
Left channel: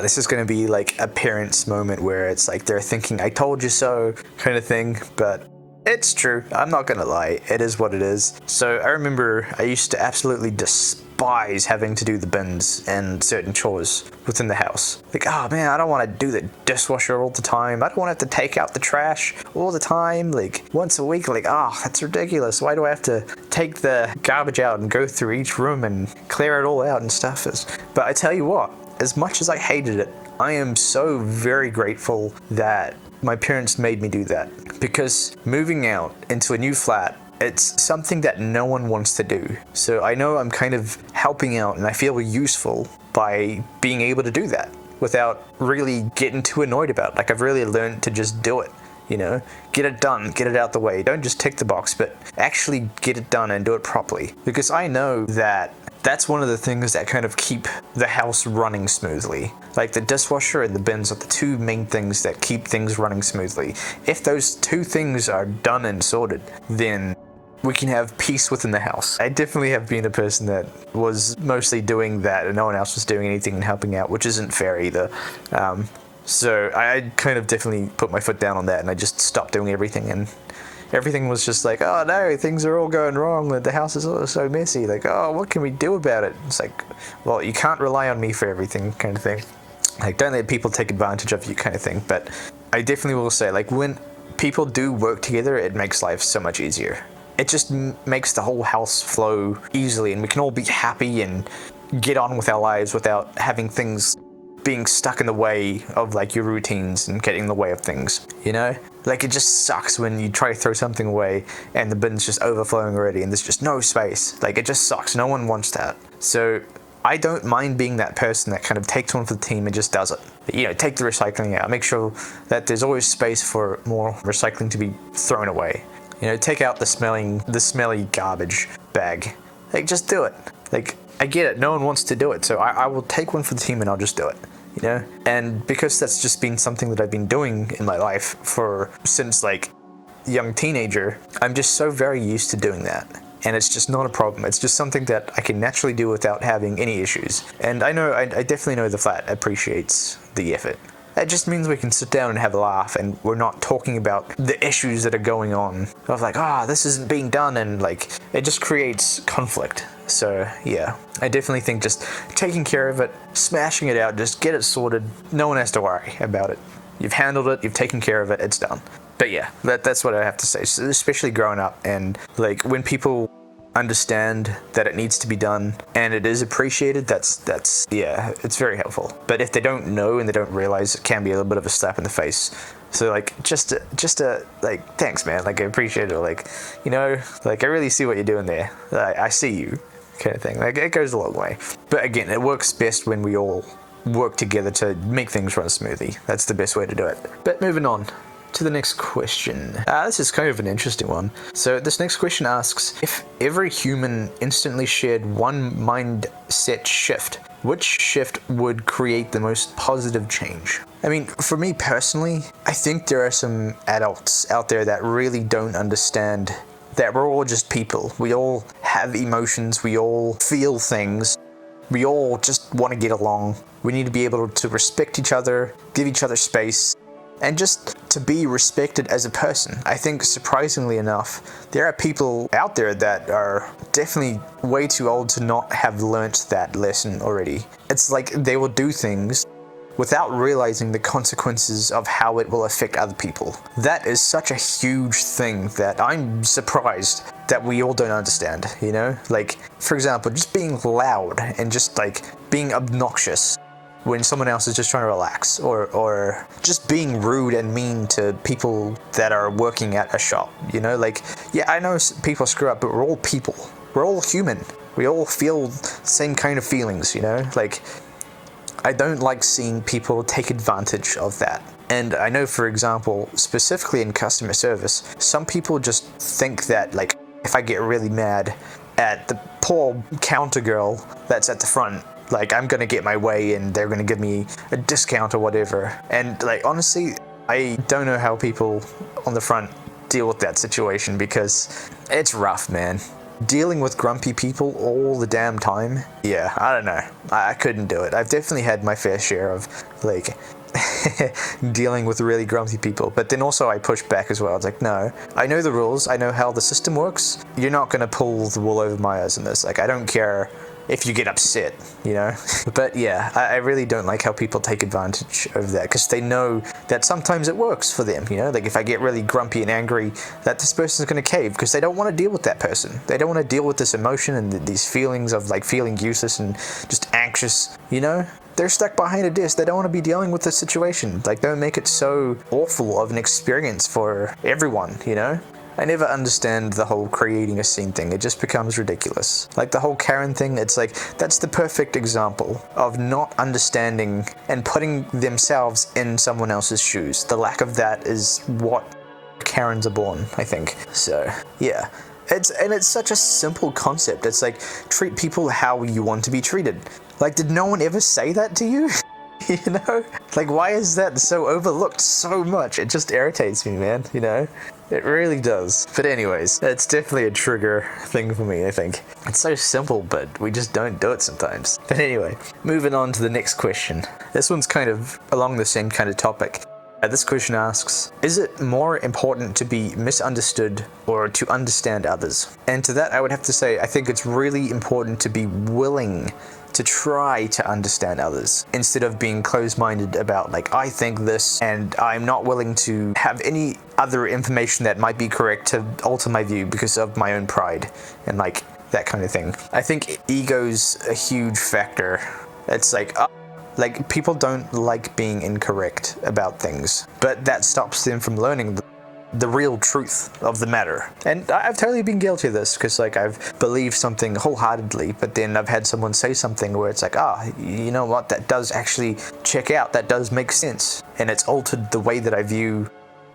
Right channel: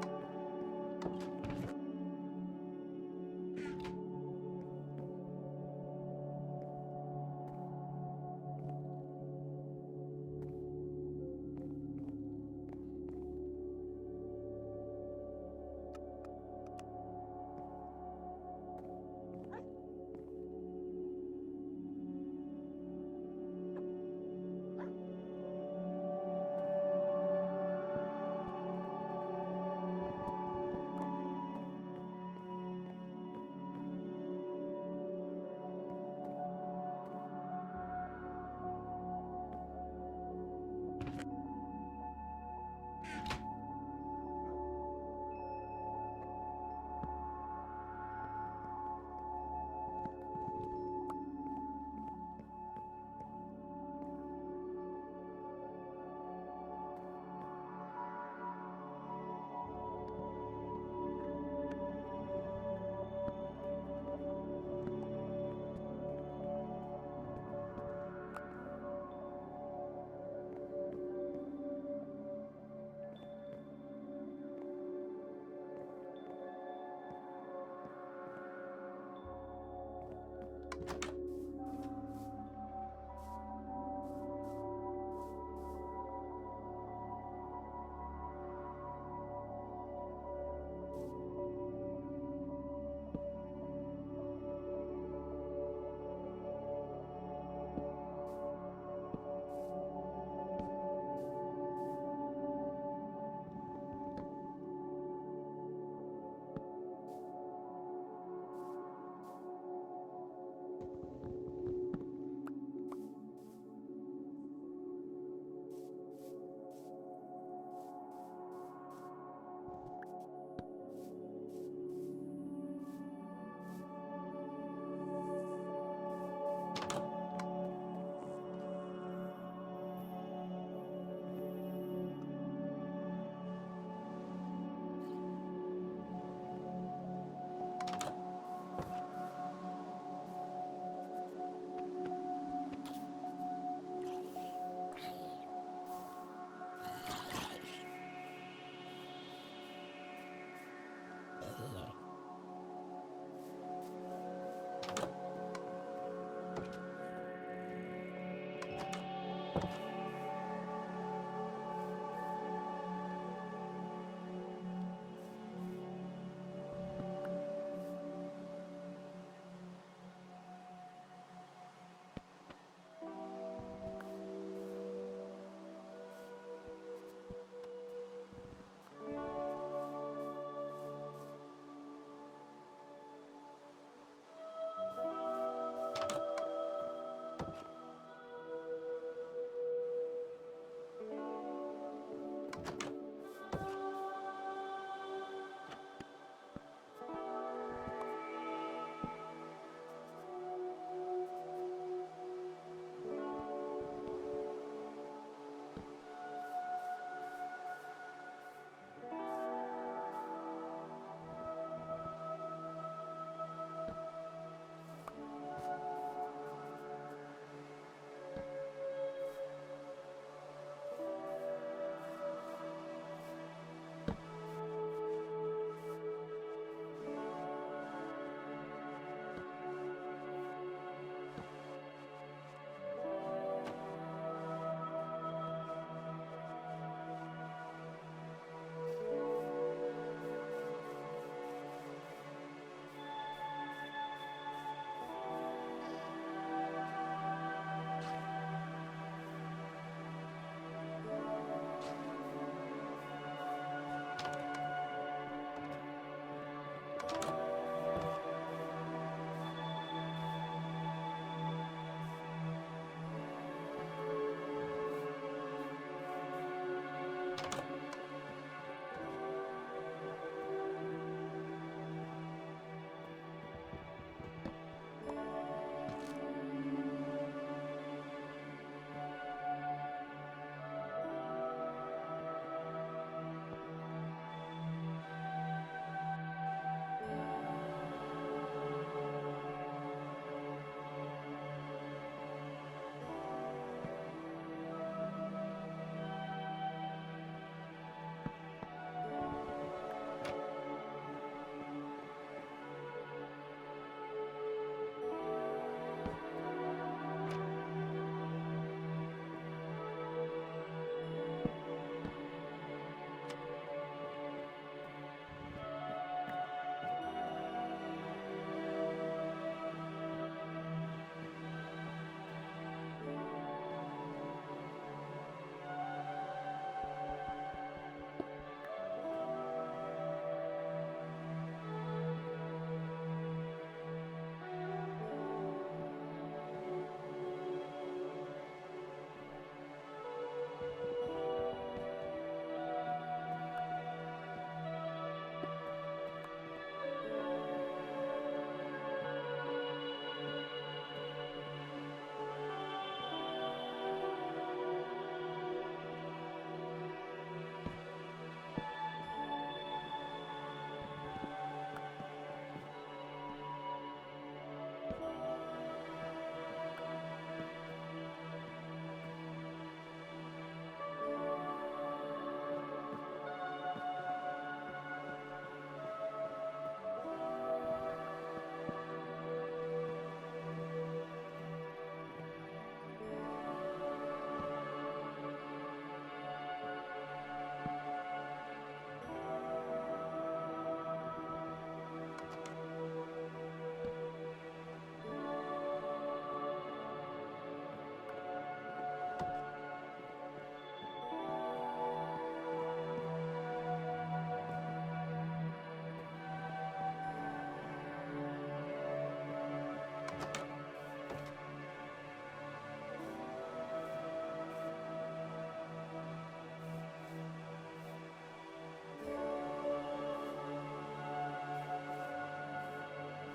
This is going to be like a parent's moment where it's like they're thinking, I told you so kind of thing, but it's true. I'm not going to lie. It is what it is. So I remember I used to absolutely despise having to do the bins and certain chores within the house. Like, oh man, I don't want to do the dishwasher all the time. I don't want to have to take out the trash all the time, like once a week. Like, that's ridiculous. Why do I have to take the garbage out and go through each room and clear it all out and stuff? But I tell you what, as much as I hated it, I am so very grateful that my parents made me do that, because moving out into a new flat, it's something that no one wants to do. So I know I'm kind of helping out, and I feel useful by being able to do that without really getting too annoyed about it. Like, I've really learned to just do it, you know? Get it done, get it out the way. Don't just tick the box, but actually get it done and do it properly. Because I know that that's one of the things that kind of keep the house running smoothly. Like, the dishwasher and the bins are the two main things that keep things running smoothly. If those two things are done and sorted, then we can have peace within the house. I definitely have been a person that was mostly doing that and no one else was doing anything and helping out, which isn't fair either. So I kind of definitely put my foot down on that, and I just stopped doing everything and everything was just like, oh no, things are all going wrong, the house is all so messy, like, oh, what can we do about it? It's like, well, you can't rely on me for everything, kind of thing. Like, don't let people take advantage of you, kind of thing. But I definitely will say, like, when people do work together, it makes life so much easier. It just makes the whole house flow easily, and we can all be happy and get on with our lives without having things being stuck in the way of like your routines and getting in the way of things, you know? Like, it just sucks when you try to throw something away and the bin's just overflowing already and there's just no space. Like, it just sucks. No one wants that. So I don't mind being that person that kind of takes one for the team and just does it. You know, take the recycling out. Make sure that there's always space for more recycling to be thrown away. You know, take out the smelly garbage bag. Like, just do it. Like, I get it. No one wants to do it. So I will take one for the team and I'll just do it. You know? And because that's just been something that I've been doing in my life since like young teenager, I'm just so very used to doing that. And it's just not a problem. It's just something that I can naturally do without having any issues. And I definitely know the flat appreciates the effort. That just means we can sit down and have a laugh and we're not talking about the issues that are going on. Of like, this isn't being done, and like, it just creates conflict. So yeah, I definitely think just taking care of it, smashing it out, just get it sorted. No one has to worry about it. You've handled it, you've taken care of it, it's done. But yeah, that's what I have to say, so especially growing up, and like when people understand that it needs to be done and it is appreciated, that's yeah, it's very helpful. But if they don't know and they don't realize, it can be a little bit of a slap in the face. So like, just like, thanks man, like I appreciate it, like, you know, like I really see what you're doing there, I see you, kind of thing. Like, it goes a long way. But again, it works best when we all work together to make things run smoothly. That's the best way to do it. But moving on to the next question. This is kind of an interesting one. So this next question asks, if every human instantly shared one mindset shift, which shift would create the most positive change? I mean, for me personally, I think there are some adults out there that really don't understand that we're all just people. We all have emotions, we all feel things, we all just want to get along. We need to be able to respect each other, give each other space, and just to be respected as a person. I think, surprisingly enough, there are people out there that are definitely way too old to not have learnt that lesson already. It's like they will do things without realizing the consequences of how it will affect other people. That is such a huge thing that I'm surprised that we all don't understand, you know? Like, for example, just being loud and just like being obnoxious when someone else is just trying to relax, or just being rude and mean to people that are working at a shop, you know? Like, yeah, I know people screw up, but we're all people. We're all human. We all feel the same kind of feelings, you know? Like, I don't like seeing people take advantage of that. And I know, for example, specifically in customer service, some people just think that, like, if I get really mad at the poor counter girl that's at the front, like, I'm gonna get my way and they're gonna give me a discount or whatever. And like, honestly, I don't know how people on the front deal with that situation, because it's rough, man. Dealing with grumpy people all the damn time, yeah, I don't know. I couldn't do it. I've definitely had my fair share of like dealing with really grumpy people, but then also I push back as well. It's like, no, I know the rules, I know how the system works. You're not gonna pull the wool over my eyes in this. Like, I don't care if you get upset, you know? But yeah, I really don't like how people take advantage of that, because they know that sometimes it works for them, you know? Like, if I get really grumpy and angry, that this person's gonna cave, because they don't want to deal with that person. They don't want to deal with this emotion and these feelings of like feeling useless and just anxious, you know? They're stuck behind a desk. They don't want to be dealing with this situation. Like, don't make it so awful of an experience for everyone, you know? I never understand the whole creating a scene thing. It just becomes ridiculous. Like the whole Karen thing, it's like, that's the perfect example of not understanding and putting themselves in someone else's shoes. The lack of that is what Karens are born, I think. So, yeah. It's such a simple concept. It's like, treat people how you want to be treated. Like, did no one ever say that to you? You know? Like, why is that so overlooked so much? It just irritates me, man, you know? It really does. But anyways, it's definitely a trigger thing for me, I think. It's so simple, but we just don't do it sometimes. But anyway, moving on to the next question. This one's kind of along the same kind of topic. This question asks, is it more important to be misunderstood or to understand others? And to that I would have to say, I think it's really important to be willing to try to understand others instead of being closed-minded about like, I think this and I'm not willing to have any other information that might be correct to alter my view because of my own pride and like that kind of thing. I think ego's a huge factor. It's like people don't like being incorrect about things, but that stops them from learning the real truth of the matter. And I've totally been guilty of this because like I've believed something wholeheartedly, but then I've had someone say something where it's like, you know what, that does actually check out, that does make sense, and it's altered the way that I view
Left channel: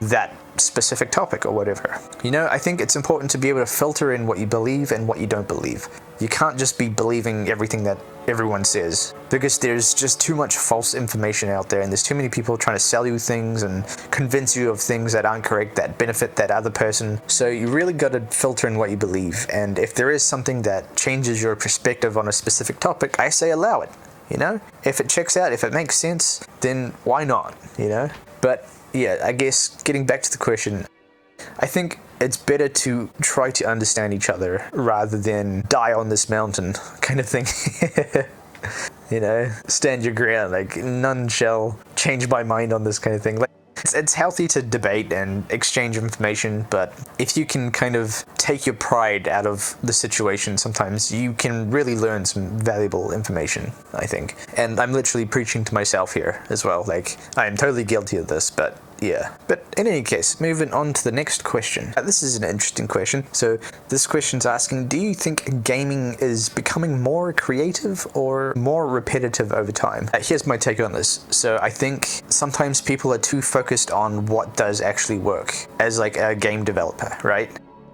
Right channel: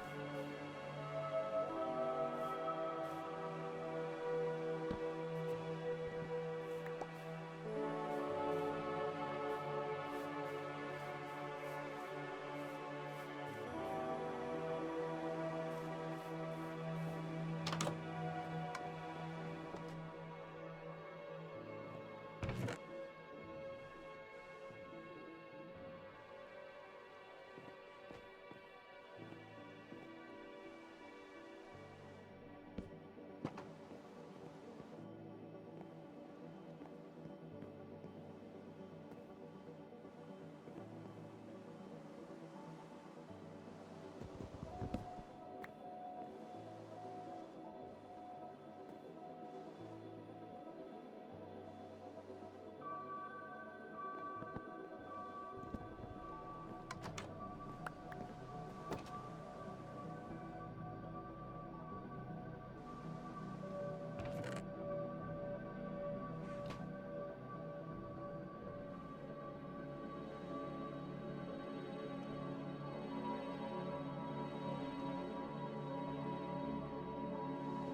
that specific topic or whatever. You know, I think it's important to be able to filter in what you believe and what you don't believe. You can't just be believing everything that everyone says, because there's just too much false information out there and there's too many people trying to sell you things and convince you of things that aren't correct, that benefit that other person. So you really got to filter in what you believe, and if there is something that changes your perspective on a specific topic, I say allow it. You know, if it checks out, if it makes sense, then why not, you know? But yeah, I guess getting back to the question, I think it's better to try to understand each other rather than die on this mountain kind of thing. You know, stand your ground, like none shall change my mind on this kind of thing. Like, it's healthy to debate and exchange information, but if you can kind of take your pride out of the situation, sometimes you can really learn some valuable information, I think. And I'm literally preaching to myself here as well. Like, I am totally guilty of this, but yeah. But in any case, moving on to the next question. This is an interesting question. So this question's asking, do you think gaming is becoming more creative or more repetitive over time? Here's my take on this. So I think sometimes people are too focused on what does actually work as like a game developer, right?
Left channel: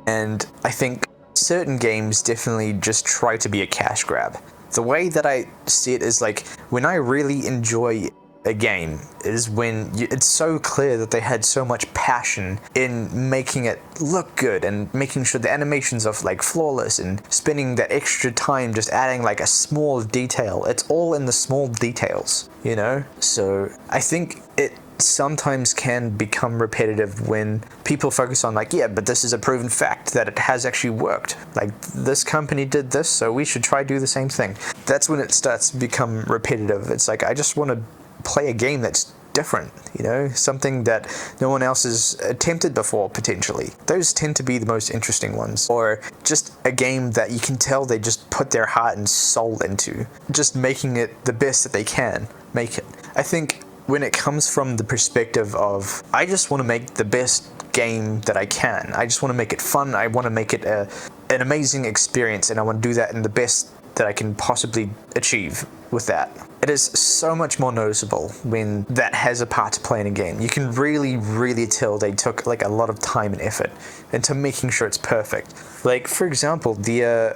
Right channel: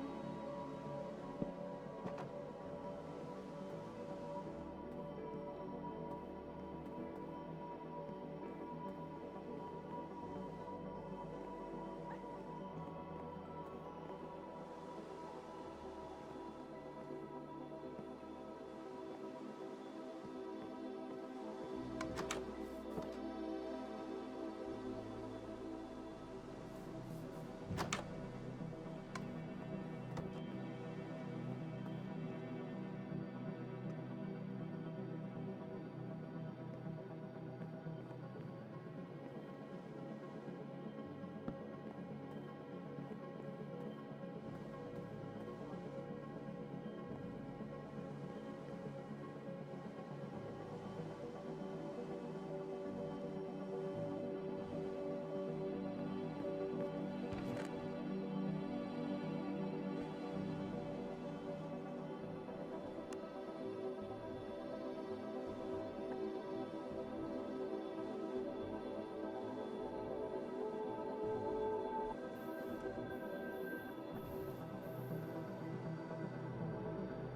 And I think certain games definitely just try to be a cash grab. The way that I see it is like, when I really enjoy a game is when it's so clear that they had so much passion in making it look good and making sure the animations are like flawless and spending that extra time just adding like a small detail. It's all in the small details, you know? So I think it sometimes can become repetitive when people focus on like, yeah, but this is a proven fact that it has actually worked. Like, this company did this, so we should try to do the same thing. That's when it starts to become repetitive. It's like, I just want to play a game that's different, you know, something that no one else has attempted before, potentially. Those tend to be the most interesting ones. Or just a game that you can tell they just put their heart and soul into, just making it the best that they can make it. I think when it comes from the perspective of, I just want to make the best game that I can, I just want to make it fun, I want to make it an amazing experience, and I want to do that in the best that I can possibly achieve with that. It is so much more noticeable when that has a part to play in a game. You can really, really tell they took like a lot of time and effort into making sure it's perfect. Like, for example, the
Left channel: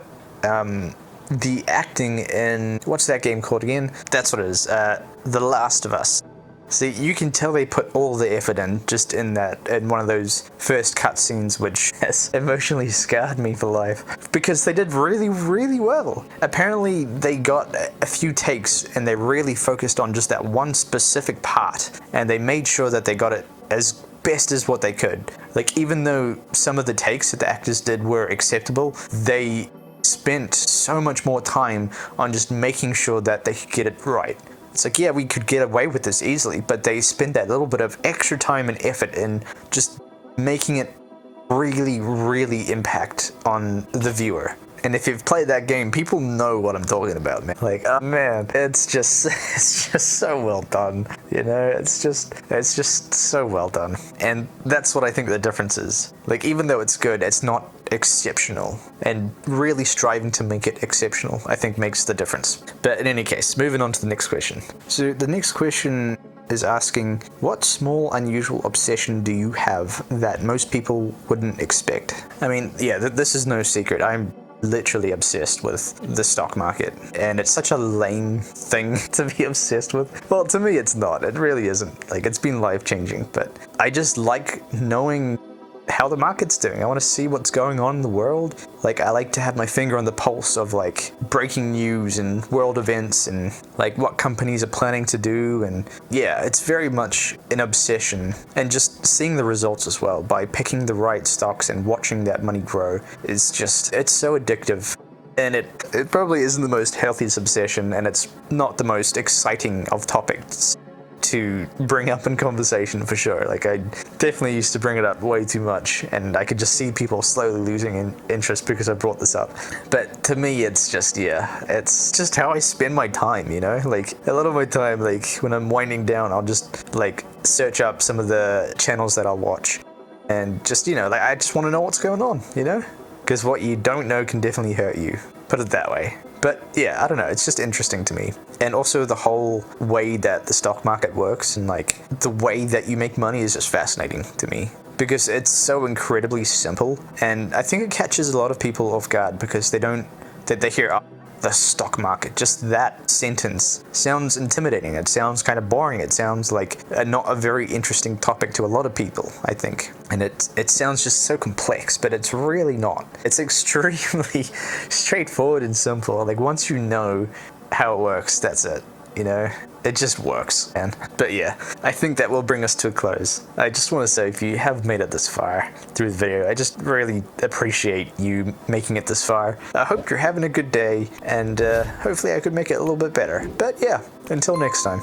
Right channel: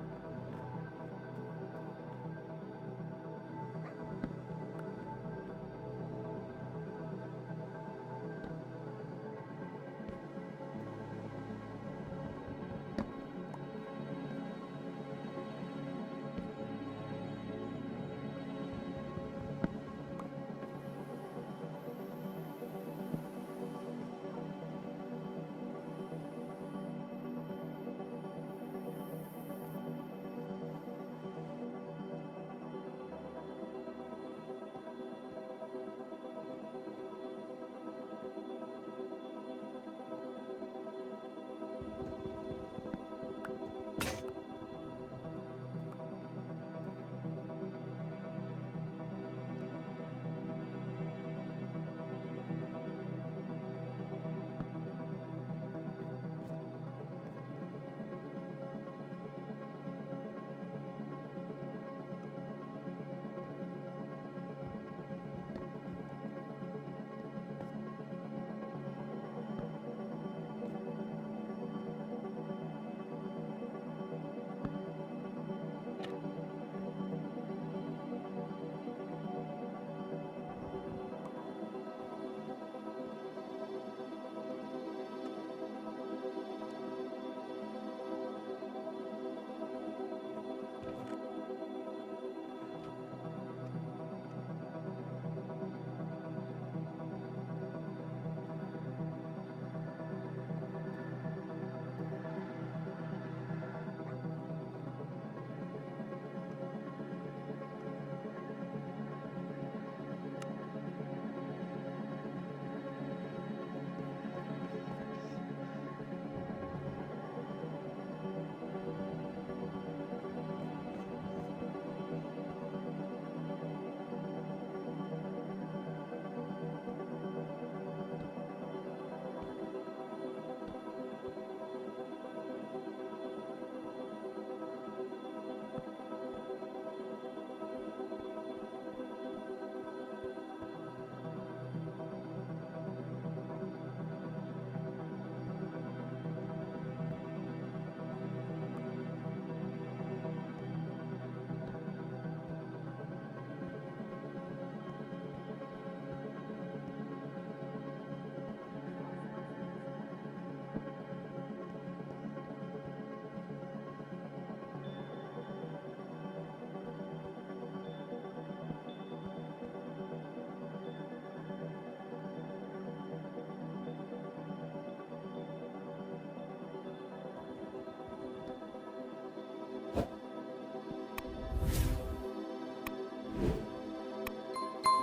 acting in, what's that game called again? That's what it is, The Last of Us. See, you can tell they put all the effort in just in one of those first cutscenes, which has emotionally scarred me for life, because they did really, really well. Apparently, they got a few takes and they really focused on just that one specific part, and they made sure that they got it as best as what they could. Like, even though some of the takes that the actors did were acceptable, they spent so much more time on just making sure that they could get it right. It's like, yeah, we could get away with this easily, but they spend that little bit of extra time and effort in just making it really, really impact on the viewer. And if you've played that game, people know what I'm talking about, man. Like, oh man, it's just so well done. You know, it's just so well done. And that's what I think the difference is. Like, even though it's good, it's not exceptional. And really striving to make it exceptional, I think, makes the difference. But in any case, moving on to the next question. So the next question is asking, what small unusual obsession do you have that most people wouldn't expect? I mean, yeah, this is no secret. I'm literally obsessed with the stock market, and it's such a lame thing to be obsessed with. Well, to me it's not, it really isn't. Like, it's been life-changing, but I just like knowing how the market's doing. I want to see what's going on in the world. Like, I like to have my finger on the pulse of like breaking news and world events and like what companies are planning to do. And yeah, it's very much an obsession, and just seeing the results as well by picking the right stocks and watching that money grow is just, it's so addictive. And it probably isn't the most healthiest obsession, and it's not the most exciting of topics to bring up in conversation for sure. Like, I definitely used to bring it up way too much, and I could just see people slowly losing interest because I brought this up. But to me, it's just, yeah, it's just how I spend my time, you know? Like, a lot of my time, like, when I'm winding down, I'll just, like, search up some of the channels that I'll watch, and just, you know, like, I just want to know what's going on, you know? Because what you don't know can definitely hurt you. Put it that way. But yeah, I don't know, it's just interesting to me. And also the whole way that the stock market works and like the way that you make money is just fascinating to me. Because it's so incredibly simple, and I think it catches a lot of people off guard because they hear, oh, the stock market. Just that sentence sounds intimidating. It sounds kind of boring. It sounds like not a very interesting topic to a lot of people, I think. And it sounds just so complex, but it's really not. It's extremely straightforward and simple. Like, once you know how it works, that's it, you know? It just works, man. But yeah, I think that will bring us to a close. I just want to say, if you have made it this far through the video, I just really appreciate you making it this far. I hope you're having a good day, and hopefully I could make it a little bit better. But yeah, until next time.